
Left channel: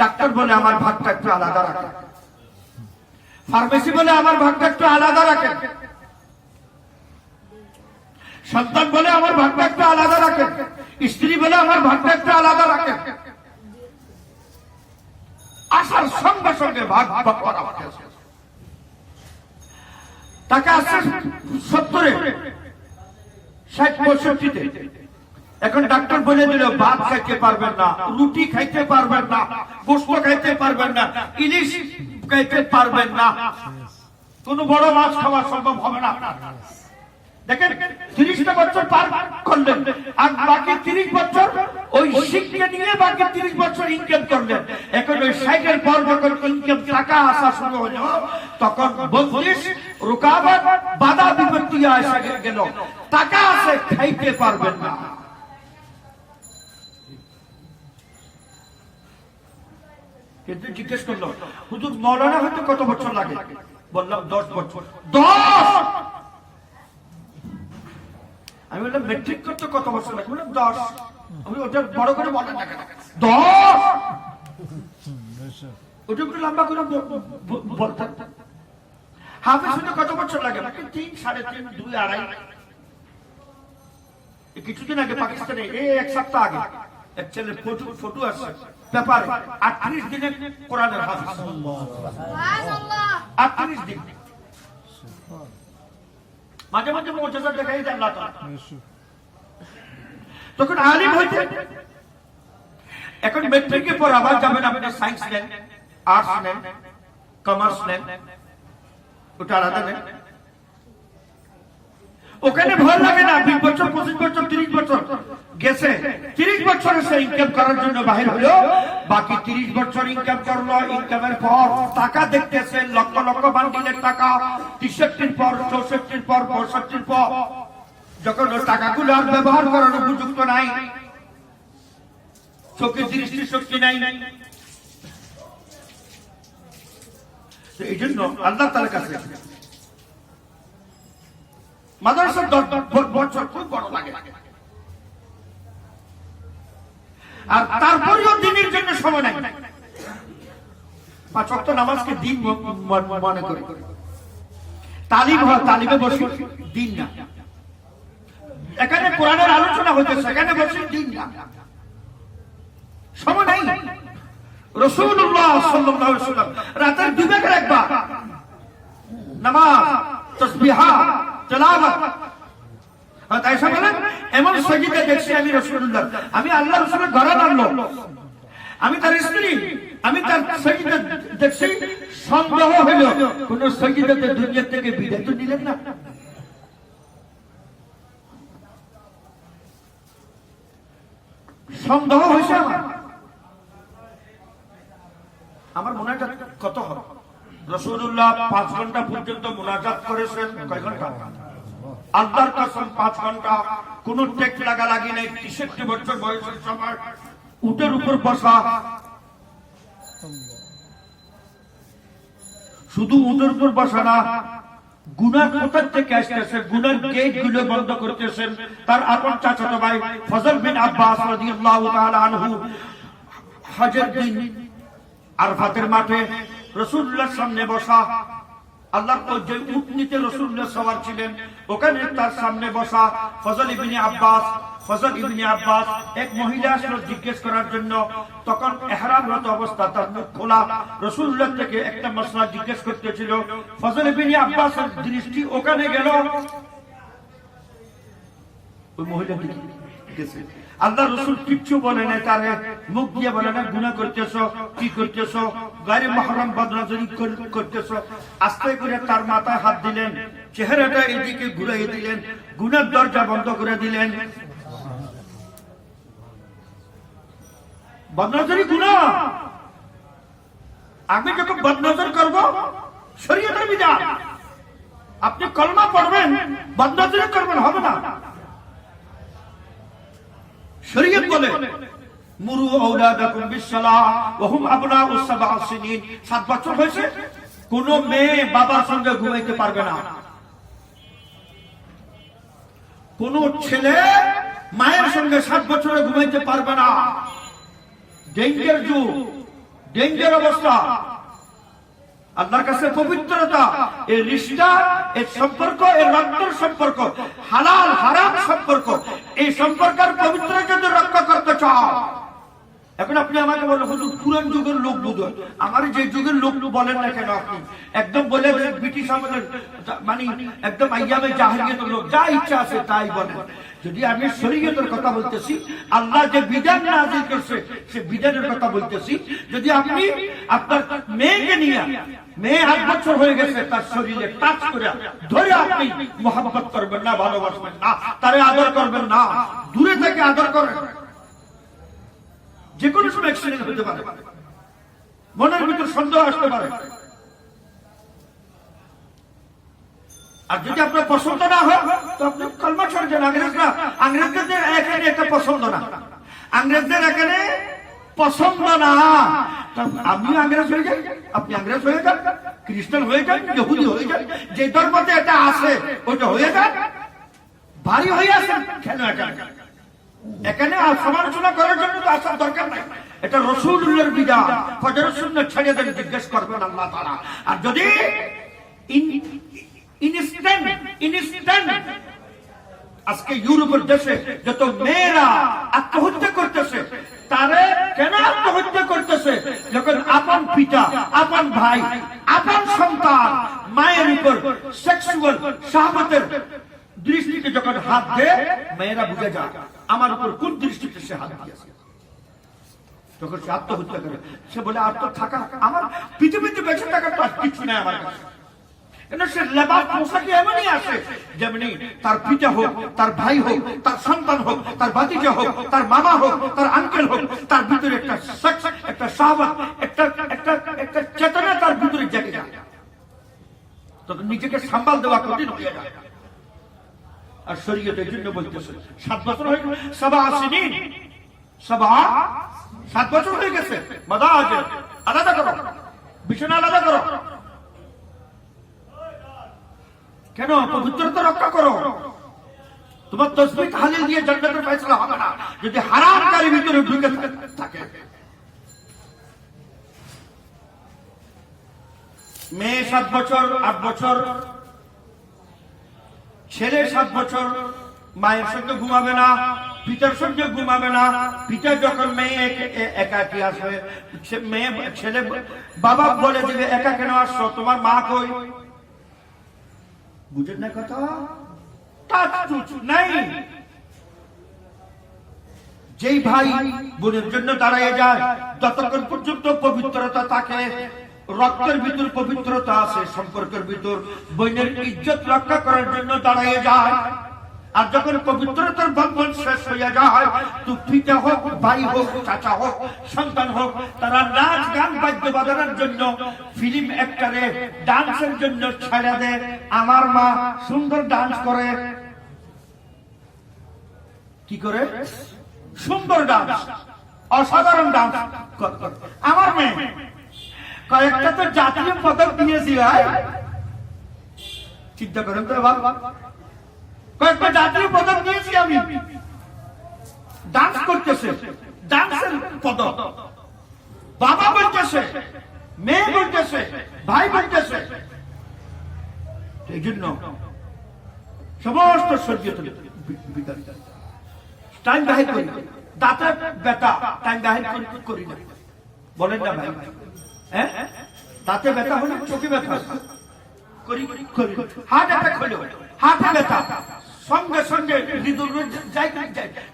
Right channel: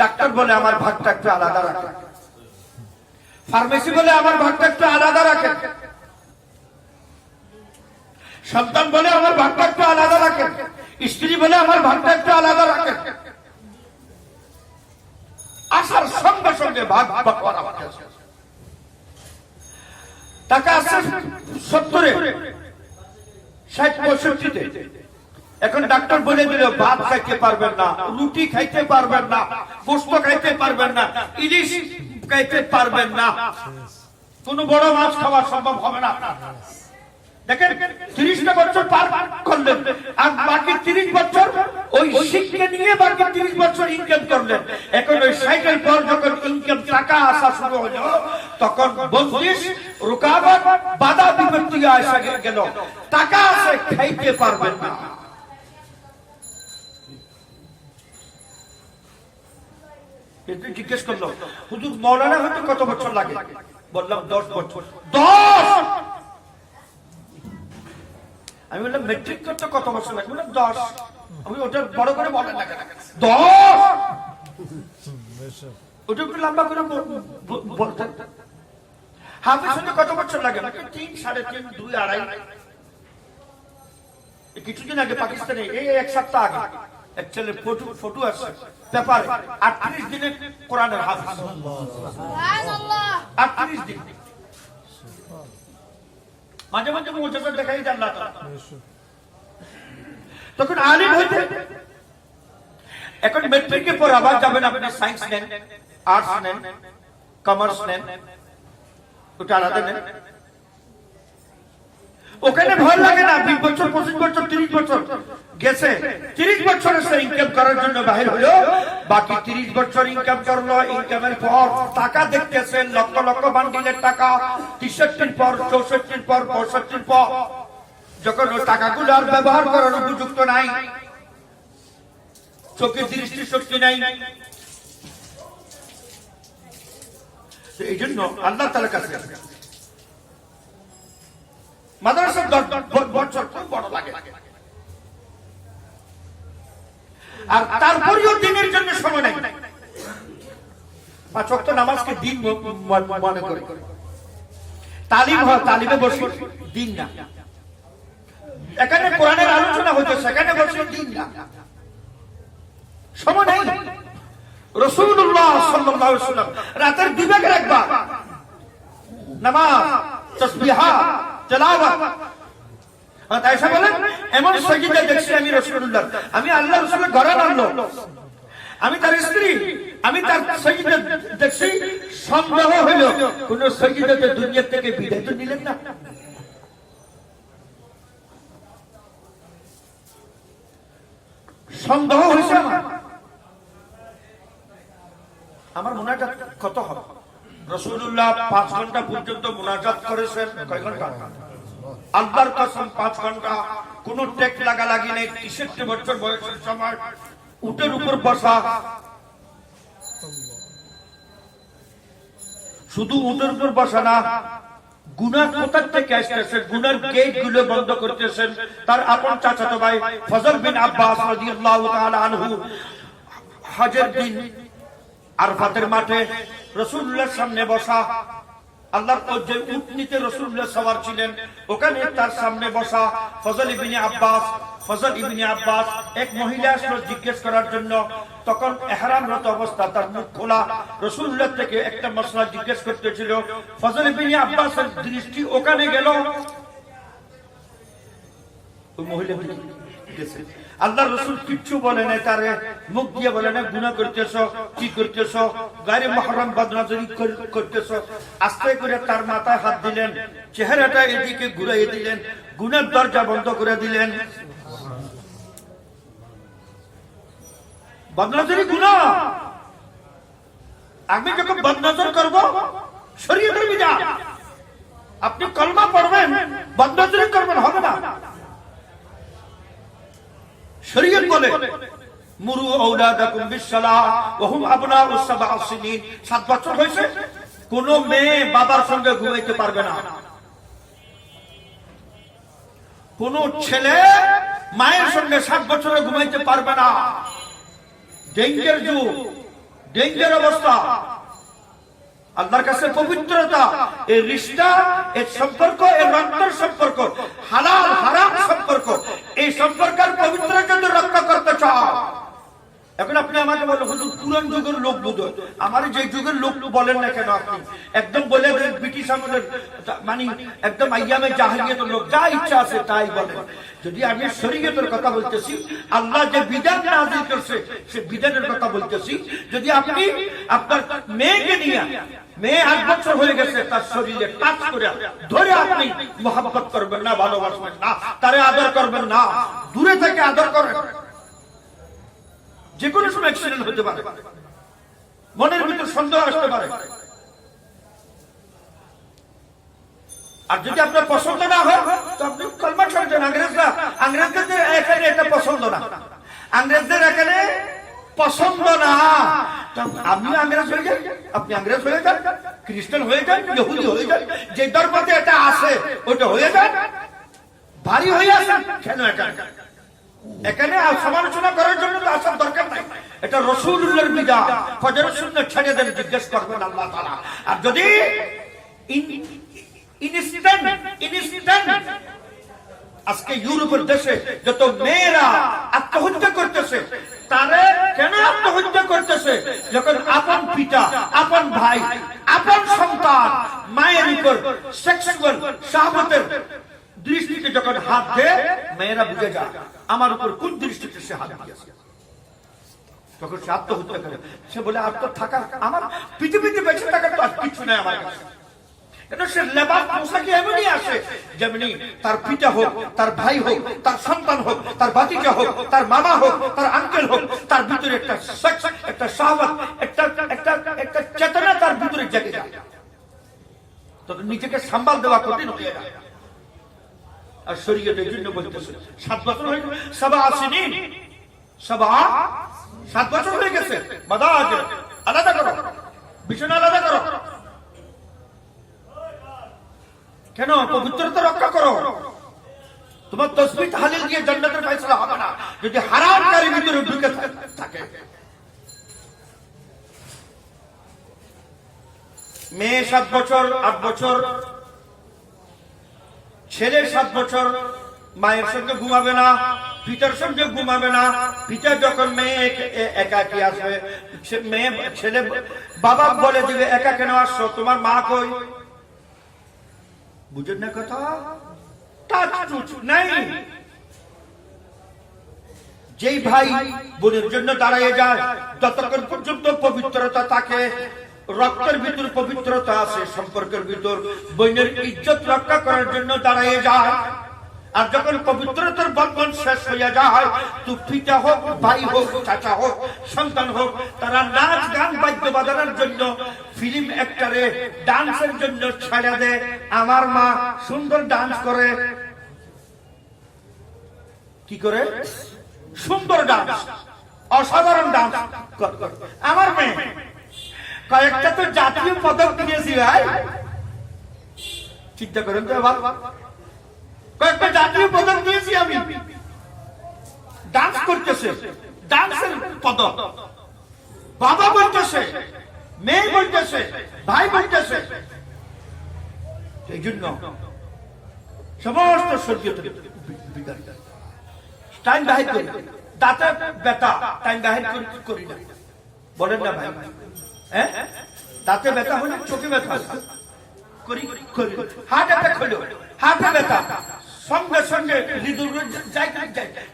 ডাক্তার বলে আমার ভাগটা একটু আলাদা রাখেন, ফার্মেসি বলে আমার ভাগটা একটু আলাদা রাখেন, সন্তান বলে আমার ভাগটা একটু আলাদা রাখেন, স্ত্রী বলে আমার ভাগটা একটু আলাদা রাখেন। আসার সঙ্গে সঙ্গে ভাগ ভাগ করা হচ্ছে। টাকা আসছে 70-এ, 60-65-তে। এখন ডাক্তার বলে দিল ভাত খাইতে পারবেন না, রুটি খাইতে পারবেন না, গোশত খাইতে পারবেন না, ইলিশ খাইতে পারবেন না, কোন বড় মাছ খাওয়া সম্ভব হবে না। দেখেন 30টা বছর পার করলেন, আর বাকি 30 বছর ওই শিক্ষা নিয়ে বাকি 30 বছর ইনকাম করলেন। এখন ওই 60-এর পর যখন ইনকাম টাকা আসা শুরু হলো, তখন বন্দিশ, রুকাবট, বাধা বিপত্তি আসা গেল, টাকা আছে খাইতে পারবেন না। এতে জিজ্ঞেস করলো, হুজুর মৌলানা হতে কত বছর লাগে? বললাম 10 বছর। 10! আমি বললাম মেট্রিক করতে কত বছর লাগে? বললাম 10। আমি ওটা বড় করে বলেন না কেন? 10! ওটা একটু লম্বা করে বলতেন। হাফেজ হতে কত বছর লাগে? 3, 3.5, 2, 2.5। কিছুদিন আগে পাকিস্তানে, এক সপ্তাহ আগে, এক ছেলের ফটো আসছে পেপারে, 38 দিনে কোরআনের হাফেজ। 38 দিন। মাঝে মাঝে মুজিজা দেখাই দেন না। তখন আলিম হইতে, এখন মেট্রিকের পর আবার যাবেন আপনি সায়েন্স নেন, আর্টস নেন, কমার্স নেন, ওটা আলাদা নেন। ওখানে ভয় লাগে না। 20 বছর, 25 বছর, 30 বছর গেছে, 30 বছর সে ইনকাম করার জন্য বাহির হলো, বাকি 30 বছর ইনকাম করলো। ইনকামের পর টাকা দেখতেছেন, লক্ষ লক্ষ বান্ডিলের টাকা, 63-র পর, 64-র পর, 65-র পর, যখন ওই টাকাগুলো আর ব্যবহার করার উপযুক্ত নাই, চোখে দৃষ্টি শক্তি নাই, এই জন্য আল্লাহ তাআলার কাছে মাদ্রাসার 10 বছর খুব বড় লাগে। আর তারপরেও দিনের জন্য সময় নাই। 5 ওয়াক্ত নামাজকে দিন মনে করে তালিম হয়, তালিমে বসে দিন না। এখানে কোরআনের আলোচনা হচ্ছে, সেখানে বসে দিন না, সময় নাই। রাসূলুল্লাহ সাল্লাল্লাহু আলাইহি ওয়াসাল্লাম রাতের 2 ভাগের 1 ভাগ নামাজ, তাসবিহাত, তেলাওয়াত। আয়েশা বলেন, এমন সাজদা দেখছি আমি রাসূলুল্লাহ, আমি আল্লাহ রাসূলের ঘরে আনলো, আমি তার স্ত্রী, আমি তার সাজদা দেখছি, সন্দেহ হইল কোন সাজদাতে দুনিয়া থেকে বিদায় তো নিলেন না। সন্দেহ হয়েছে আমার মুনাজাত কত হবে? রাসূলুল্লাহ 5 ঘন্টা পর্যন্ত মুনাজাত করেছেন। কয় ঘন্টা? আল্লাহর কসম 5 ঘন্টা। কোন টেক লাগি নেই। 63 বছর বয়সের সময় উটের উপর বসা, শুধু উটের উপর বসা না, গুনাহ কোথা থেকে আসতেছে, গুনার গেট গুলো বন্ধ করতেছেন। তার আপন চাচাতো ভাই ফজল বিন আব্বাস রাদিয়াল্লাহু তাআলা আনহু হজের দিন আরাফাতের মাঠে রাসূলুল্লাহর সামনে বসা, আল্লাহর যে উটনিতে রাসূলুল্লাহ সওয়ার ছিলেন ওখানে তার সামনে বসা ফজল ইবনে আব্বাস এক মহিলা আসলো জিজ্ঞেস করার জন্য। তখন ইহরামরত অবস্থা, তার মুখ খোলা, রাসূলুল্লাহ থেকে একটা মাসলা জিজ্ঞেস করতেছিল। ফজল ইবনে আব্বাসের দৃষ্টি ওখানে গেল, ওই মহিলা গেছে। আল্লাহ রসুল কিচ্ছু বলে নাই, তারে মুখ দিয়ে বলে না গুনাহ করতেছো, কি করতেছো, গায়রে মুহররম বদনজরি করতেছো। আস্তে করে তার মাথায় হাত দিলেন, চেহারাটা এদিকে ঘুরাইয়ে দিলেন, গুনার দরজা বন্ধ করে দিলেন। বদনজরি গুনাহ। আমি যখন বদনজর করব শরীয়তের বিধান, আপনি কলমা পড়বেন বদনজরি করবেন, হবে না। শরীয়ত বলে মুরু আওলাদাকুম বিসসালাহ ওয়া হুম আবনাউস সাবআ সিনিন, 7 বছর হয়েছে কোন মেয়ে বাবার সঙ্গে ঘুমাইতে পারবে না, কোন ছেলে মায়ের সঙ্গে 7 বছরে ঘুমাইতে পারবে না। ডেঞ্জার যুগ, ডেঞ্জার অবস্থা। আল্লাহর কাছে পবিত্রতা, এই রিশতা, এই সম্পর্ক, এই রক্তের সম্পর্ক, হালাল হারাম সম্পর্ক, এই সম্পর্কের পবিত্রতা যদি রক্ষা করতে চাও। এখন আপনি আমাকে বলেন হুজুর পুরান যুগের লোক বুঝো, আমার যে যুগের লোক বলেন না কেন, আপনি একদম বলে ব্রিটিশ আমাদের মানে একদম আইয়ামে জাহেলিয়াতের লোক, যা ইচ্ছা আছে তাই বলেন। যদি আমি শরীয়তের কথা বলতেছি, আল্লাহ যে বিধান নাযিল করছে সে বিধানের কথা বলতেছি। যদি আপনি আপনার মেয়েকে নিয়ে, মেয়ে 8 বছর হয়ে গেছে, তার শরীরে টাচ করে ধরে আপনি মোহাব্বত করবেন না, ভালোবাসবেন না, তারে আদর করবেন না, দূরে থেকে আদর করেন। যে কোনো সময় অ্যাক্সিডেন্ট হতে পারে, মনের ভিতর সন্দেহ আসতে পারে। আর যদি আপনার পছন্দ না হয় তো আপনি কলমা ছেড়ে দেন। আংরেজদের এখানে এটা পছন্দ না, আংরেজদের এখানে পছন্দ না। আমিও আংরেজ হয়ে যাই, আপনি আংরেজ হয়ে যান, খ্রিস্টান হয়ে যান, ইহুদি হয়ে যান, যে ধর্মতে এটা আছে ওইটা হয়ে যান। ভারী হয়ে আসেন কেন এখানে সমালোচনা করার জন্য তো আসার দরকার নাই। এটা রাসূলুল্লাহর বিধান, ফজরের সুন্নাত ছেড়ে দেন, জিজ্ঞেস করবেন আল্লাহ তাআলা। আর যদি ইনস্ট্যান্ট আজকে ইউরোপের দেশে যত মেয়েরা আত্মহত্যা করতেছে, তারা কেন আত্মহত্যা করতেছে? যখন আপন পিতা, আপন ভাই, আপন সন্তান মায়ের উপর সেক্সুয়াল শাহওয়াতের দৃষ্টিতে যখন হাত দেয়, মেয়েরা বুঝে যায় আমার উপর কোন দৃষ্টিতে সে হাত দিয়েছে। যখন সে আত্মহত্যা করে, সে বলে আর তো থাকা, আমার পৃথিবীতে বেঁচে থাকার তো আর কিছু নেই আমার কাছে। কেন সে লেবাস পোশাকে এমনই আসে, যেমনি তার পিতা হোক, তার ভাই হোক, তার সন্তান হোক, তার ভাতিজা হোক, তার মামা হোক, তার আঙ্কেল হোক, তার ভিতরে একটা সেক্স, একটা শাহওয়াত, একটা চেতনা তার ভিতরে জেগে যায়। তখন নিজেকে সাম্বাল দেওয়া কঠিন হয়ে যায়। আর শরীয়তের জন্য বলতেছে 7 বছর হয়ে গেছে, 7 বছর হয়ে গেছে, মাদাজ আলাদা করো, বিছানা আলাদা করো। কেন? পবিত্রতা রক্ষা করো। তোমার তাসবিহ তাহলিল দিয়ে জান্নাতের ফয়সালা হবে না যদি হারামকারী ভিতরে ঢুকে থাকে। মেয়ে 7 বছর, 8 বছর, ছেলে 7 বছর মায়ের সঙ্গে ঘুমাবে না, পিতার সঙ্গে ঘুমাবে না। পিতা যখন মেয়ে একাকী আসবে, মেয়ে ছেলে বাবা বলে দিবে একা কেন আসছো, তোমার মা কই? বুঝেন না কথা? নাই। যেই ভাই বোনের জন্য দাঁড়ায় যায়, যতক্ষণ পর্যন্ত পবিত্রতা থাকে, রক্তের ভিতর পবিত্রতা আছে, সম্পর্কের ভিতর বোনের ইজ্জত রক্ষা করার জন্য দাঁড়ায় যায়। আর যখন পবিত্রতার বন্ধন শেষ হয়ে যায়, তো পিতা হোক, ভাই হোক, চাচা হোক, সন্তান হোক, তারা নাচ গান বাদ্য বাজানোর জন্য, ফিল্ম অ্যাক্টরে ডান্সের জন্য ছেড়ে দেয়। আমার মা সুন্দর ডান্স করে, কি করে? সুন্দর ডান্স, অসাধারণ ডান্স। আমার মেয়ে কয়েকটা তো জাতীয় পদক দিয়েছি ভাই, চিন্তা করেন তো এবার। কয়েকটা জাতীয় পদক দিয়েছি আমি, ডান্স করতেছে, ডান্সের পদক। বাবা বলতেছে, মেয়ে বলতেছে, ভাই বলতেছে। এই জন্য সমস্ত শরীয়ত টাইম বাহির করি, দাঁতের ব্যথা টাইম বাহির করি না, বলেন না ভাই? হ্যাঁ, দাঁতে ব্যথা হলে চোখে ব্যথা করি, হার্ট অ্যাটাক হলো হার্টে ব্যথা, সঙ্গে সঙ্গে হৃদয় যাই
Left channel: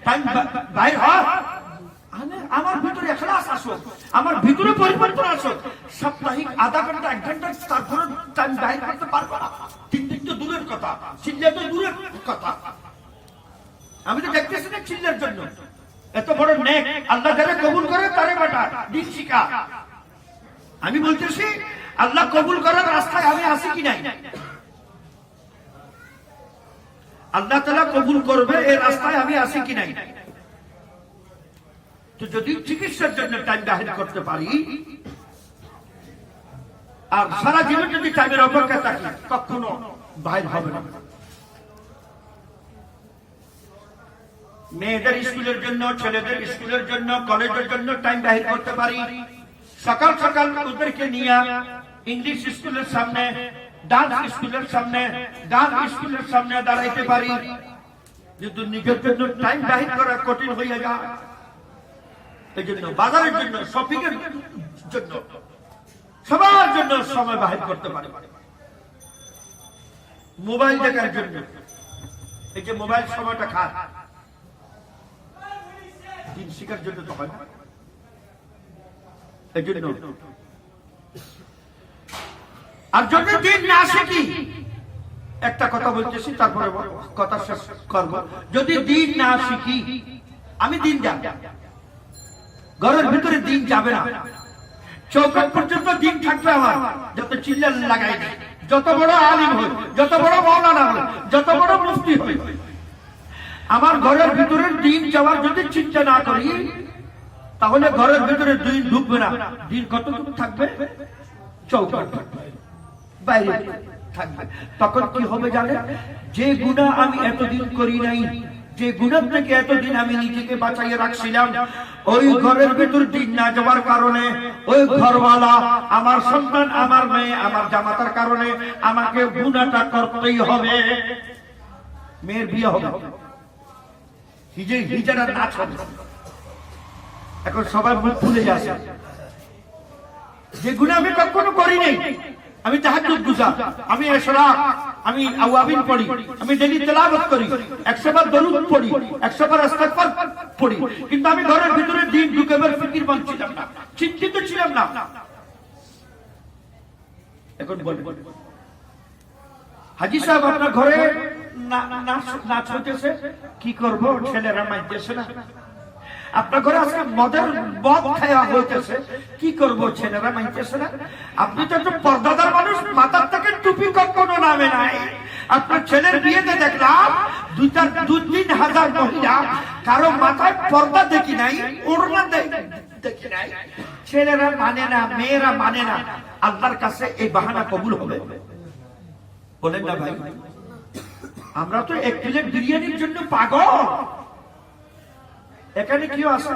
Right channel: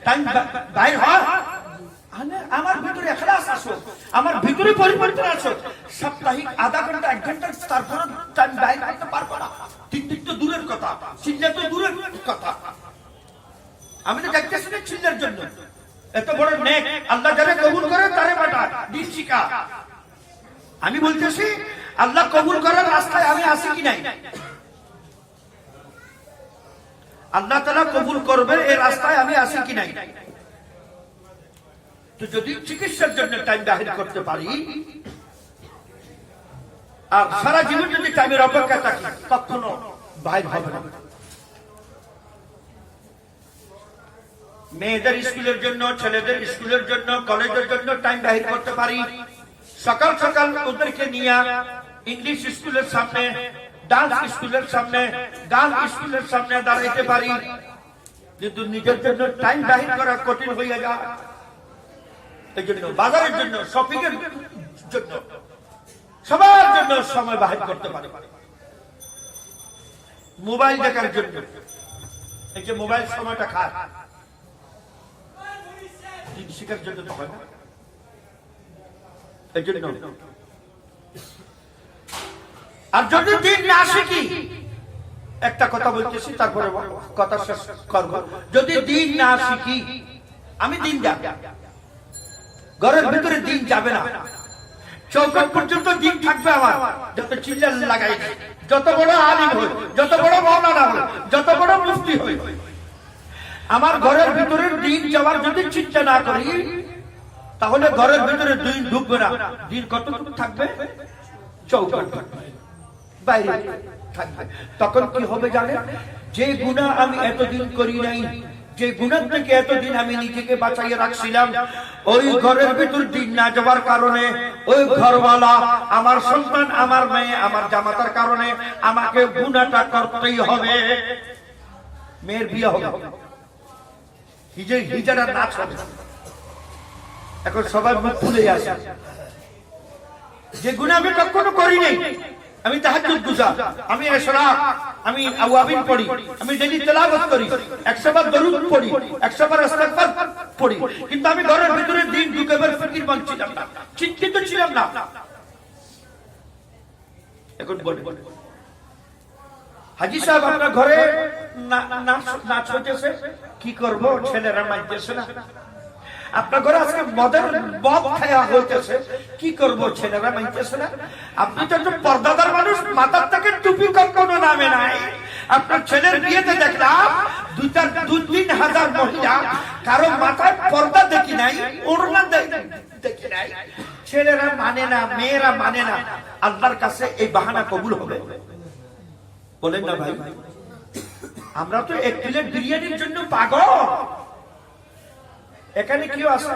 টাইম বাহির হয়। আমার ভিতরে এখলাস আসো, আমার ভিতরে পরিবর্তন আসো। সাপ্তাহিক আধা ঘন্টা 1 ঘন্টা তারপর টাইম বাহির করতে পারবো না। ঠিক তো দূরের কথা, চিল্লা তো দূরের কথা। আমি তো দেখতেছি না চিল্লার জন্য এত বড় নেক আল্লাহ যারা কবুল করে তারে বাটা দিন শিখা। আমি বলতেছি আল্লাহ কবুল করার রাস্তায় আমি আসি কি নাই? আল্লাহ তাআলা কবুল করবে এই রাস্তায় আমি আসি কি নাই? তো যদি চিকিৎসার জন্য টাইম বাহির করতে পারি আর সারা জীবন যদি টাইমের অপেক্ষা থাকি, কখনো বাহির হবে না। মেয়েদের স্কুলের জন্য, ছেলেদের স্কুলের জন্য, কলেজের জন্য টাইম বাহির করতে পারি। সকাল সকাল ওদেরকে নিয়ে ইংলিশ স্কুলের সামনে, ডান্স স্কুলের সামনে, গান স্কুলের সামনে দাঁড়াইতে পারি। কিন্তু নিজের জন্য টাইম বাহির করা কঠিন হইয়া যায়। এই জন্য বাজারের জন্য, শপিং এর জন্য, সবার জন্য সময় বাহির করতে পারে। মোবাইল দেখার জন্য, এই যে মোবাইল সময়টা খায়, দিন শিখার জন্য তো হয় না। এই জন্য আর যদি দিন না শিখি, একটা কথা বলতেছি তারপরে কথা শেষ করবো। যদি দিন না শিখি, আমি দিন যাব, ঘরের ভিতরে দিন যাবে না। চৌকাট পর্যন্ত দিন থাকবে আমার, যত চিল্লা লাগাই, যত বড় আলিম হই, যত বড় মাওলানা হই, যত বড় মুফতি হই, আমার ঘরের ভিতরে দিন যাওয়ার যদি চিন্তা না করি, তাহলে ঘরের ভিতরে দিন ঢুকবে না। দিন কতটুকু থাকবে? চৌকাট বাইরে থাকবে। তখন কি হবে জানেন? যে গুনাহ আমি এতদিন করি নাই, যে গুনাহ থেকে এতদিন আমি নিজেকে বাঁচাইয়ে রাখছিলাম, ওই ঘরের ভিতর দিন না যাওয়ার কারণে ওই ঘরওয়ালা, আমার সন্তান, আমার মেয়ে, আমার জামাতার কারণে আমাকে গুনাহটা করতেই হবে। মেয়ের বিয়ে হবে, হিজারা নাচ হবে। এখন সবাই মুখ খুলে আসে, যে গুনাহ আমি কখনো করি নাই। আমি তাহাজ্জুদ গুজার, আমি ইশরাক, আমি আওয়াবিন পড়ি, আমি ডেইলি তেলাওয়াত করি, 100 বার দরুদ পড়ি, 100 বার ইস্তিগফার পড়ি, কিন্তু আমি ঘরের ভিতরে দিন ঢুকাবার ফিকিরমন ছিলাম না, চিন্তিত ছিলাম না। এখন বলেন হাজী সাহেব, আপনার ঘরে নাচ হইতেছে, কি করবো? ছেলেরা মানতেছে না। আপনার ঘরে আজকে মদ খাওয়া হইতেছে, কি করবো? ছেলেরা মানতেছে না। আপনি তো একটু পর্দাদার মানুষ, মাথার থেকে টুপি কখনো নামে নাই। আপনার ছেলের বিয়েতে দেখলাম 2-3 হাজার মহিলা, কারো মাথায় পর্দা দেখি নাই, ওড়না দেখি নাই। ছেলেরা মানে না, মেয়েরা মানে না। আল্লাহর কাছে এই বাহানা কবুল হবে? বলেন না ভাই? আমরা তো 1 প্লেট বিরিয়ানির জন্য পাগল। এখানে কেউ আসে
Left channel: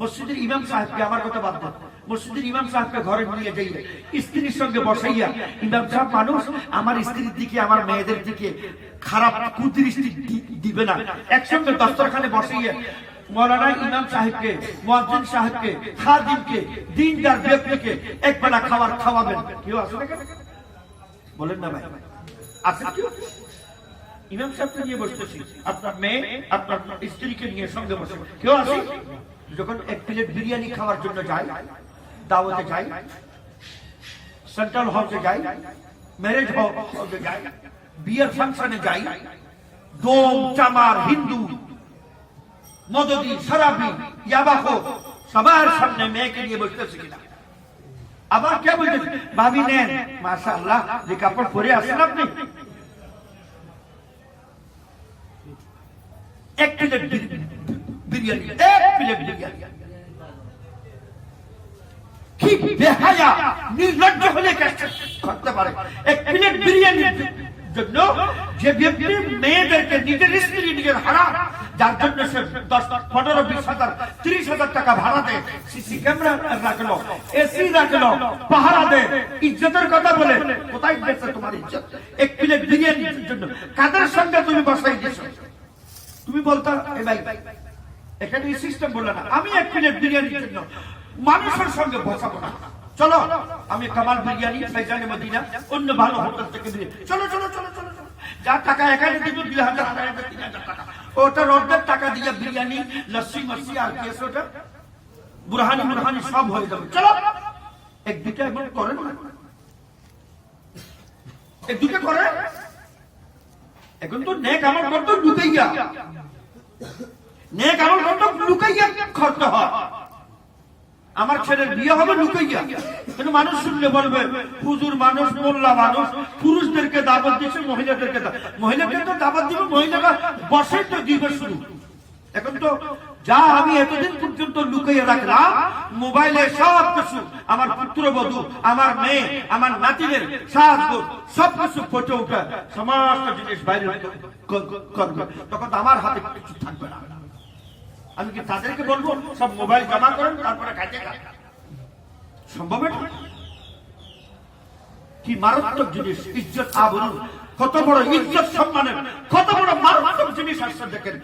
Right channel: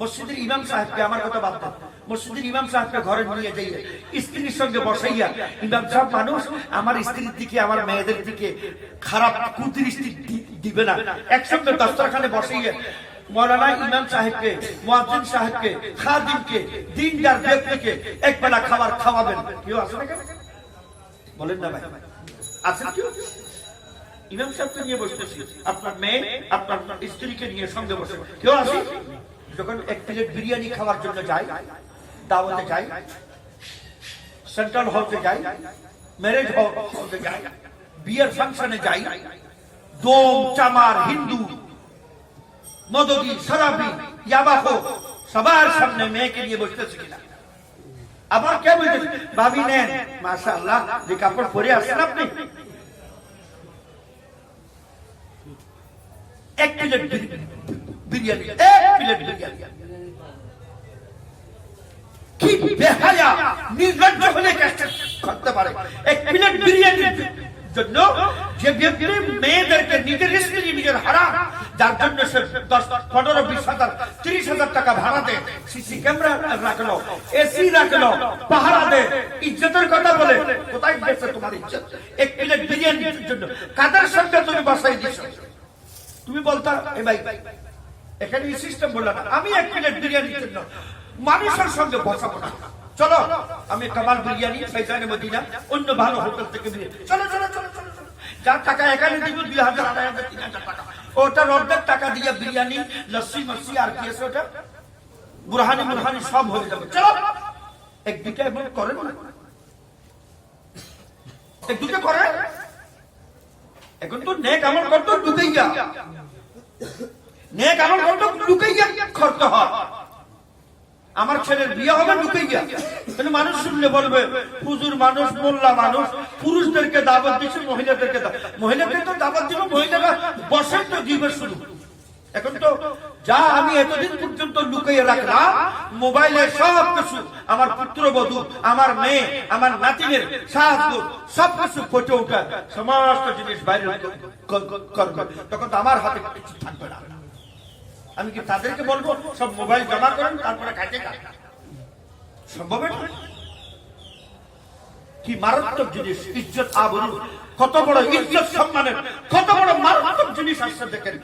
মসজিদের ইমাম সাহেবকে, আমার কথা বাদ দাও, মসজিদের ইমাম সাহেবকে ঘরে নিয়ে যাই, স্ত্রীর সঙ্গে বসাইয়া, ইমাম সাহেব মানুষ, আমার স্ত্রীর দিকে, আমার মেয়েদের দিকে খারাপ কুদৃষ্টি দিবে না। একসঙ্গে দস্তরখানে বসাইয়া মৌলানা ইমাম সাহেবকে, মুয়াজ্জিন সাহেবকে, খাদিমকে, দিনদার ব্যক্তিকে একবেলা খাবার খাওয়াবেন। কেউ আসে না? বলেন না ভাই? আছে কেউ? ইমাম সাহেবকে নিয়ে বসতেছি, আপনার মেয়ে, আপনার স্ত্রীকে নিয়ে সঙ্গে বসে, কেউ আসে? যখন 1 প্লেট বিরিয়ানি খাওয়ার জন্য যাই, দাওয়াতে যাই, সেন্ট্রাল হলে যাই, ম্যারেজ হলে যাই, বিয়ের ফাংশনে যাই, দোম চামার হিন্দু মদদি শরাবি ইয়াবাখো সবার সামনে মেয়েকে নিয়ে বসতেছে কিনা? আবার কে বলতেছে, ভাবি নেন, মাশাআল্লাহ, যে কাপড় পরে আসেন আপনি। 1 প্লেট বিরিয়ানি, 1 প্লেট বিরিয়ানি। কি বেহায়া, নির্লজ্জ হলে করতে পারে 1 প্লেট বিরিয়ানির জন্য? যে ব্যক্তি মেয়েদেরকে, নিজের স্ত্রী, নিজের হারাম যার জন্য সে 10, 15, 20 হাজার, 30 হাজার টাকা ভাড়া দেয়, সিসি ক্যামেরা রাখলো, এসি রাখলো, পাহারা দেয়, ইজ্জতের কথা বলে, কোথায় গেছে তোমার ইজ্জত? এক প্লেট বিরিয়ানির জন্য কাদের সঙ্গে তুমি বসাই দিছো? তুমি বলতা এ ভাই এখানে এই সিস্টেম বললা না, আমি এক প্লেট বিরিয়ানির জন্য মানুষের সঙ্গে বসাবো না, চলো আমি কামাল বিরিয়ানি, ফৈজানে মদিনা, অন্য ভালো হোটেল থেকে চলো চলো চলো চলো চলো, যার টাকা এখানে দিবি 2000, 2500, 3000 টাকা, ওটার অর্ধেক টাকা দিয়ে বিরিয়ানি, লস্যি মস্যি আর কি আছে ওটা বুরহানি মুরহানি সব হয়ে যাবে, চলো। এক দুটা এমন করে না, এক দুটো করে। এখন তো নেক আমল করতো লুকাইয়া, নেক আমল করতো লুকাইয়া খরচ হয়। আমার ছেলের বিয়ে হবে লুকাইয়া, কিন্তু মানুষ শুনলে বলবে হুজুর মানুষ, মোল্লা মানুষ, পুরুষদেরকে দাওয়াত দিচ্ছে, মহিলাদেরকে মহিলাকে তো দাওয়াত দিব, মহিলারা বসে তো দিবে শুরু। এখন তো যা আমি এতদিন পর্যন্ত লুকিয়ে রাখলাম মোবাইলে সব কিছু, আমার পুত্রবধূ, আমার মেয়ে, আমার নাতিনের সাহায্য সবকিছু ফুটে ওঠা, সমস্ত জিনিস বাইরে করবে, তখন আমার হাতে কিছু থাকবে না। আমি কি তাদেরকে বলবো সব মোবাইল জমা করেন তারপরে খাইতে খান? সম্ভব না। কি মারাত্মক জিনিস ইজ্জত আবরু, কত বড় ইজ্জত সম্মানের কত বড় মারাত্মক জিনিস আসছে। দেখেন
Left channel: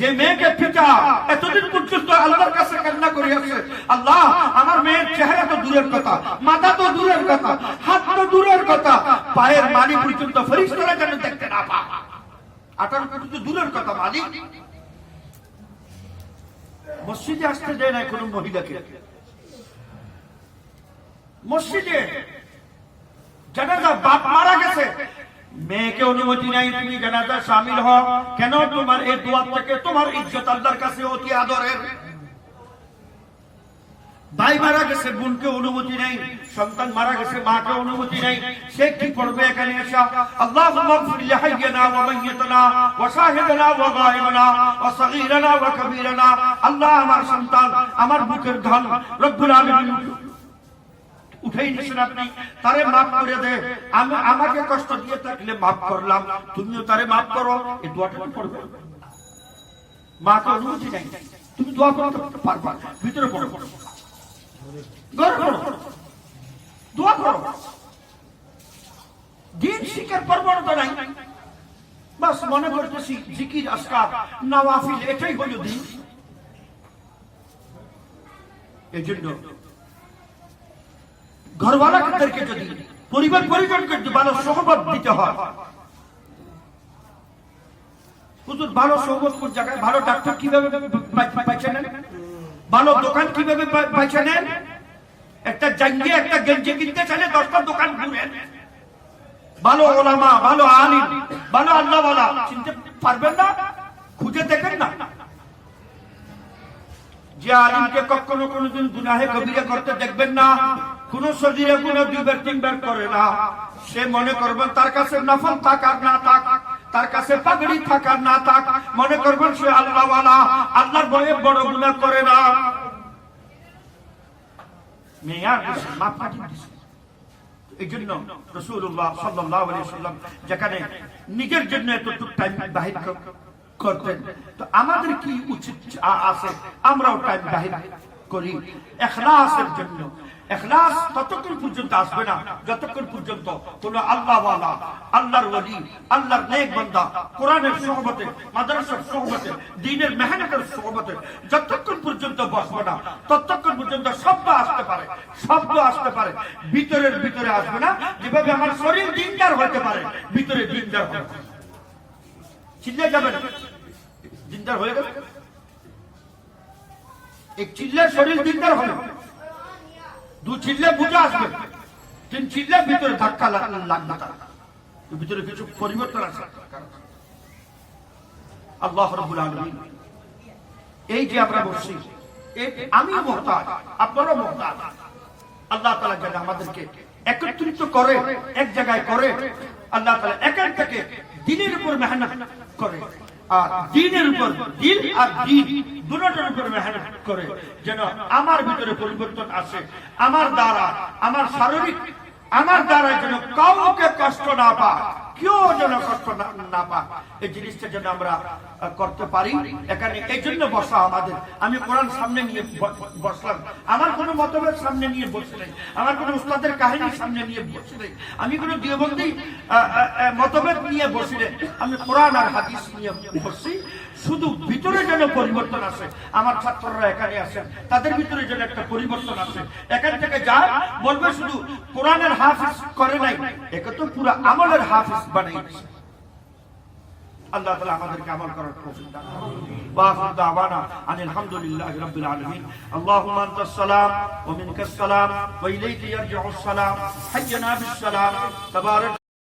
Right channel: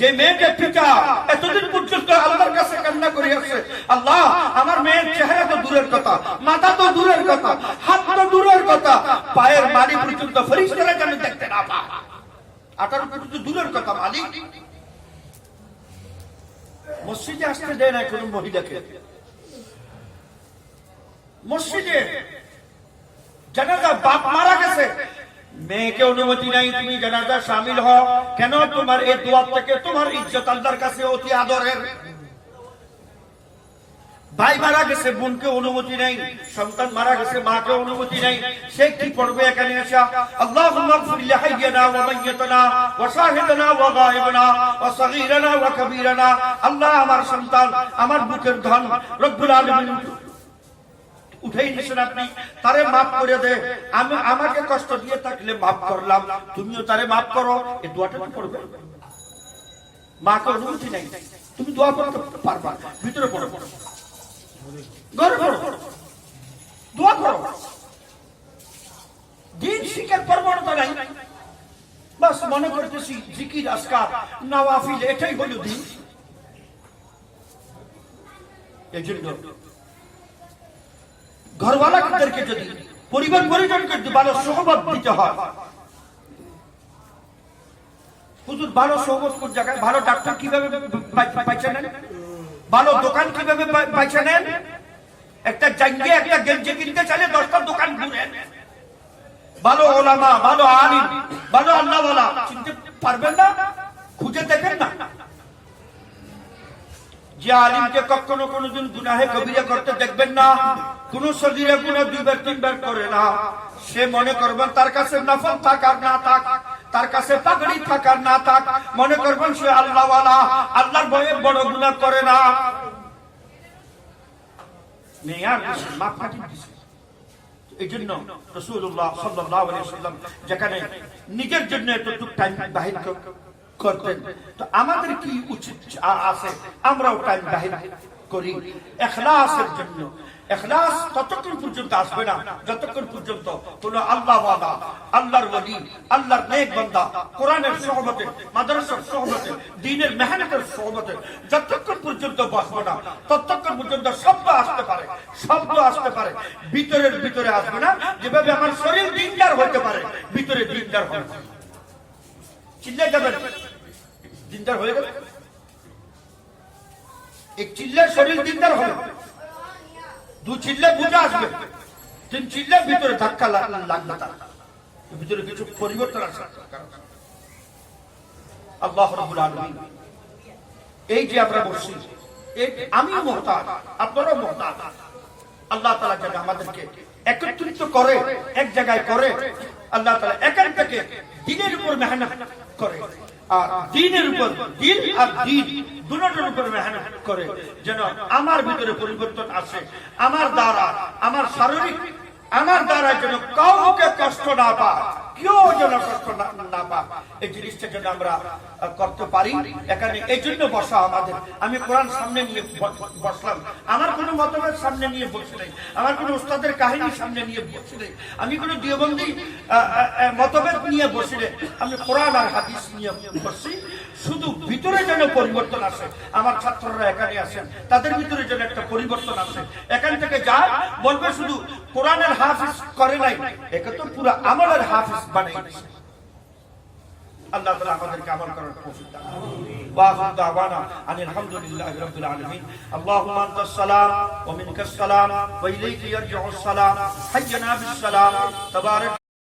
যে মেয়েকে পিতা এতদিন পর্যন্ত আল্লাহর কাছে কান্না করে আসছে, আল্লাহ আমার মেয়ের চেহারা তো দূরের কথা, মাথা তো দূরের কথা, হাত তো দূরের কথা, পায়ের মালি পর্যন্ত ফেরেশতারা যেন দেখতে না পায়, আটার পর্যন্ত দূরের কথা। মালিক মসজিদে আসতে দেয় না কোন মহিলাকে, মসজিদে জানাজা বাপ মারা গেছে, মেয়েকে অনুমতি নাই তুমি জানাজা শামিল হও কেন? তোমার এই দোয়া থেকে তোমার ইজ্জত আল্লাহর কাছে অতি আদরের। ভাই মারা গেছে, বোনকে অনুমতি নাই, সন্তান মারা গেছে, মাকে অনুমতি নাই, সে কি পড়বে এখানে এসে? আল্লাহুম্মা ইগফির লিহাইয়িনা ওয়া মাইয়িতিনা ওয়া শাহিদিনা ওয়া গায়িবিনা ওয়া সগীরানা ওয়া কাবীরানা। আল্লাহ আমার সন্তান, আমার বুকের ধন রব্বুল আলামিন উঠেই নিছেন আপনি, তারে মাফ করে দে, আমি আমাকে কষ্ট দিয়ে থাকলে মাফ করলাম, তুমিও তারে মাফ করো। এই দোয়াটা কি পড়বে? মাকে অনুমতি নাই, তুমি দোয়া করতে পারবা, ভিতরে পড়ো, ঘরে পড়ো, দোয়া করো। দিন শিখার প্রবণতা নাই, বাস মনে করতেছি জিকির আজকার নওয়াফিল এটাই হলো দিন। এই জন্য ঘরওয়ালাদেরকে যদি পরিবার পরিজনকে যদি ভালো সহবত দিতে হয়, হুজুর ভালো সহবত কোন জায়গায়? ভালো ডাক্তার কিভাবে পাইছে নেন, ভালো দোকান কিভাবে পাইছে নেন? একটা জাঙ্গিয়ে একটা গেঞ্জি কিনতে চাইলে 10টা দোকান ঘুরেন। ভালো ওলামা, ভালো আলিম, ভালো আল্লাহওয়ালা চিনতে পারবেন না? খুঁজে দেখেন না। যে আলিমকে কখনো কোনোদিন গুনাহে কবিরা করতে দেখবেন না, কোন সজিরে গুনাহ 2বার 3বার করে না, সে মনে করবেন তার কাছে নফল থাক আর না থাক, তার কাছে পাগড়ি থাক আর না থাক, মনে করবেন সে আল্লাহওয়ালা, আল্লাহর ভয়ে বড় গুনাহ করে না। মেয়ার মাপ কাটি দিছে। এই জন্য রাসূলুল্লাহ সাল্লাল্লাহু আলাইহি ওয়াসাল্লাম যেখানে নিজের জন্য এতটুকু টাইম বাহির করতেন, তো আমাদের কি উচিত আছে? আমরাও টাইম বাহির করি ইখলাসের জন্য। ইখলাস ততক্ষণ পর্যন্ত আসবে না যতক্ষণ পর্যন্ত কোন আল্লাহওয়ালা, আল্লাহর ওলি, আল্লাহর নেক বান্দা কোরআনের সুহবতে, মাদ্রাসার সুহবতে, দ্বীনের মেহনতের সুহবতে যতক্ষণ পর্যন্ত বসবে না ততক্ষণ পর্যন্ত শব্দ আসতে পারে, শব্দ আসতে পারে, ভিতরের ভিতরে আসবে না। যেভাবে আমার শরীর দিনদার হতে পারে, ভিতরে দিনদার হবে। চিল্লে যাবেন, দিনদার হয়ে গেল, এক চিল্লে শরীর দিনদার হবে, 2 চিল্লে বুঝে আসবে, 3 চিল্লে ভিতরে ধাক্কা লাগবে, তার ভিতরে কিছু পরিবর্তন আসবে। আল্লাহ রাব্বুল আলামিন এই যে আমরা বসছি, আমি মুহতাজ, আপনারাও মুহতাজ। আল্লাহ তাআলা যেন আমাদেরকে একত্রিত করে, এক জায়গায় করে, আল্লাহ তাআলা এখান থেকে দিনের উপর মেহনত করে, আর দিনের উপর দিল আর দিন দুটোর উপর মেহনত করে, যেন আমার ভিতরে পরিবর্তন আসে। আমার দ্বারা আমার শারীরিক আমার দ্বারা যেন কাউকে কষ্ট না পায়, কেউ যেন কষ্ট না পায়, এই জিনিসটা যেন আমরা করতে পারি। এখানে এই জন্য বসা আমাদের। আমি কোরআন সামনে নিয়ে বসলাম, আমার কোনো মতভেদ সামনে নিয়ে বসে নেই, আমার কোনো উস্তাদের কাহিনী সামনে নিয়ে বসে নেই, আমি কোনো দেওবন্দি মতভেদ নিয়ে বসে নেই, আমি কোরআন আর হাদিস নিয়ে বসছি। শুধু ভিতরে যেন পরিবর্তন আসে। আমার ছাত্ররা এখানে আসেন, তাদের ভিতরে যেন একটা পরিবর্তন আসে। এখান থেকে যায় বলবে শুধু কোরআনের হাফিজ করে নাই, একে তো পুরো আমলের হাফিজ বানিয়েছে। আল্লাহ তাআলা আমাদেরকে আমল করার তৌফিক দান করুন। ওয়া দাওয়ানা আনিল হামদুলিল্লাহি রাব্বিল আলামিন। আল্লাহুম্মা আনতাস সালাম ওয়া মিনকাস সালাম ওয়া ইলাইকা ইয়ারজিউস সালাম। হাইয়্যানা বিস সালাম। তাবারাক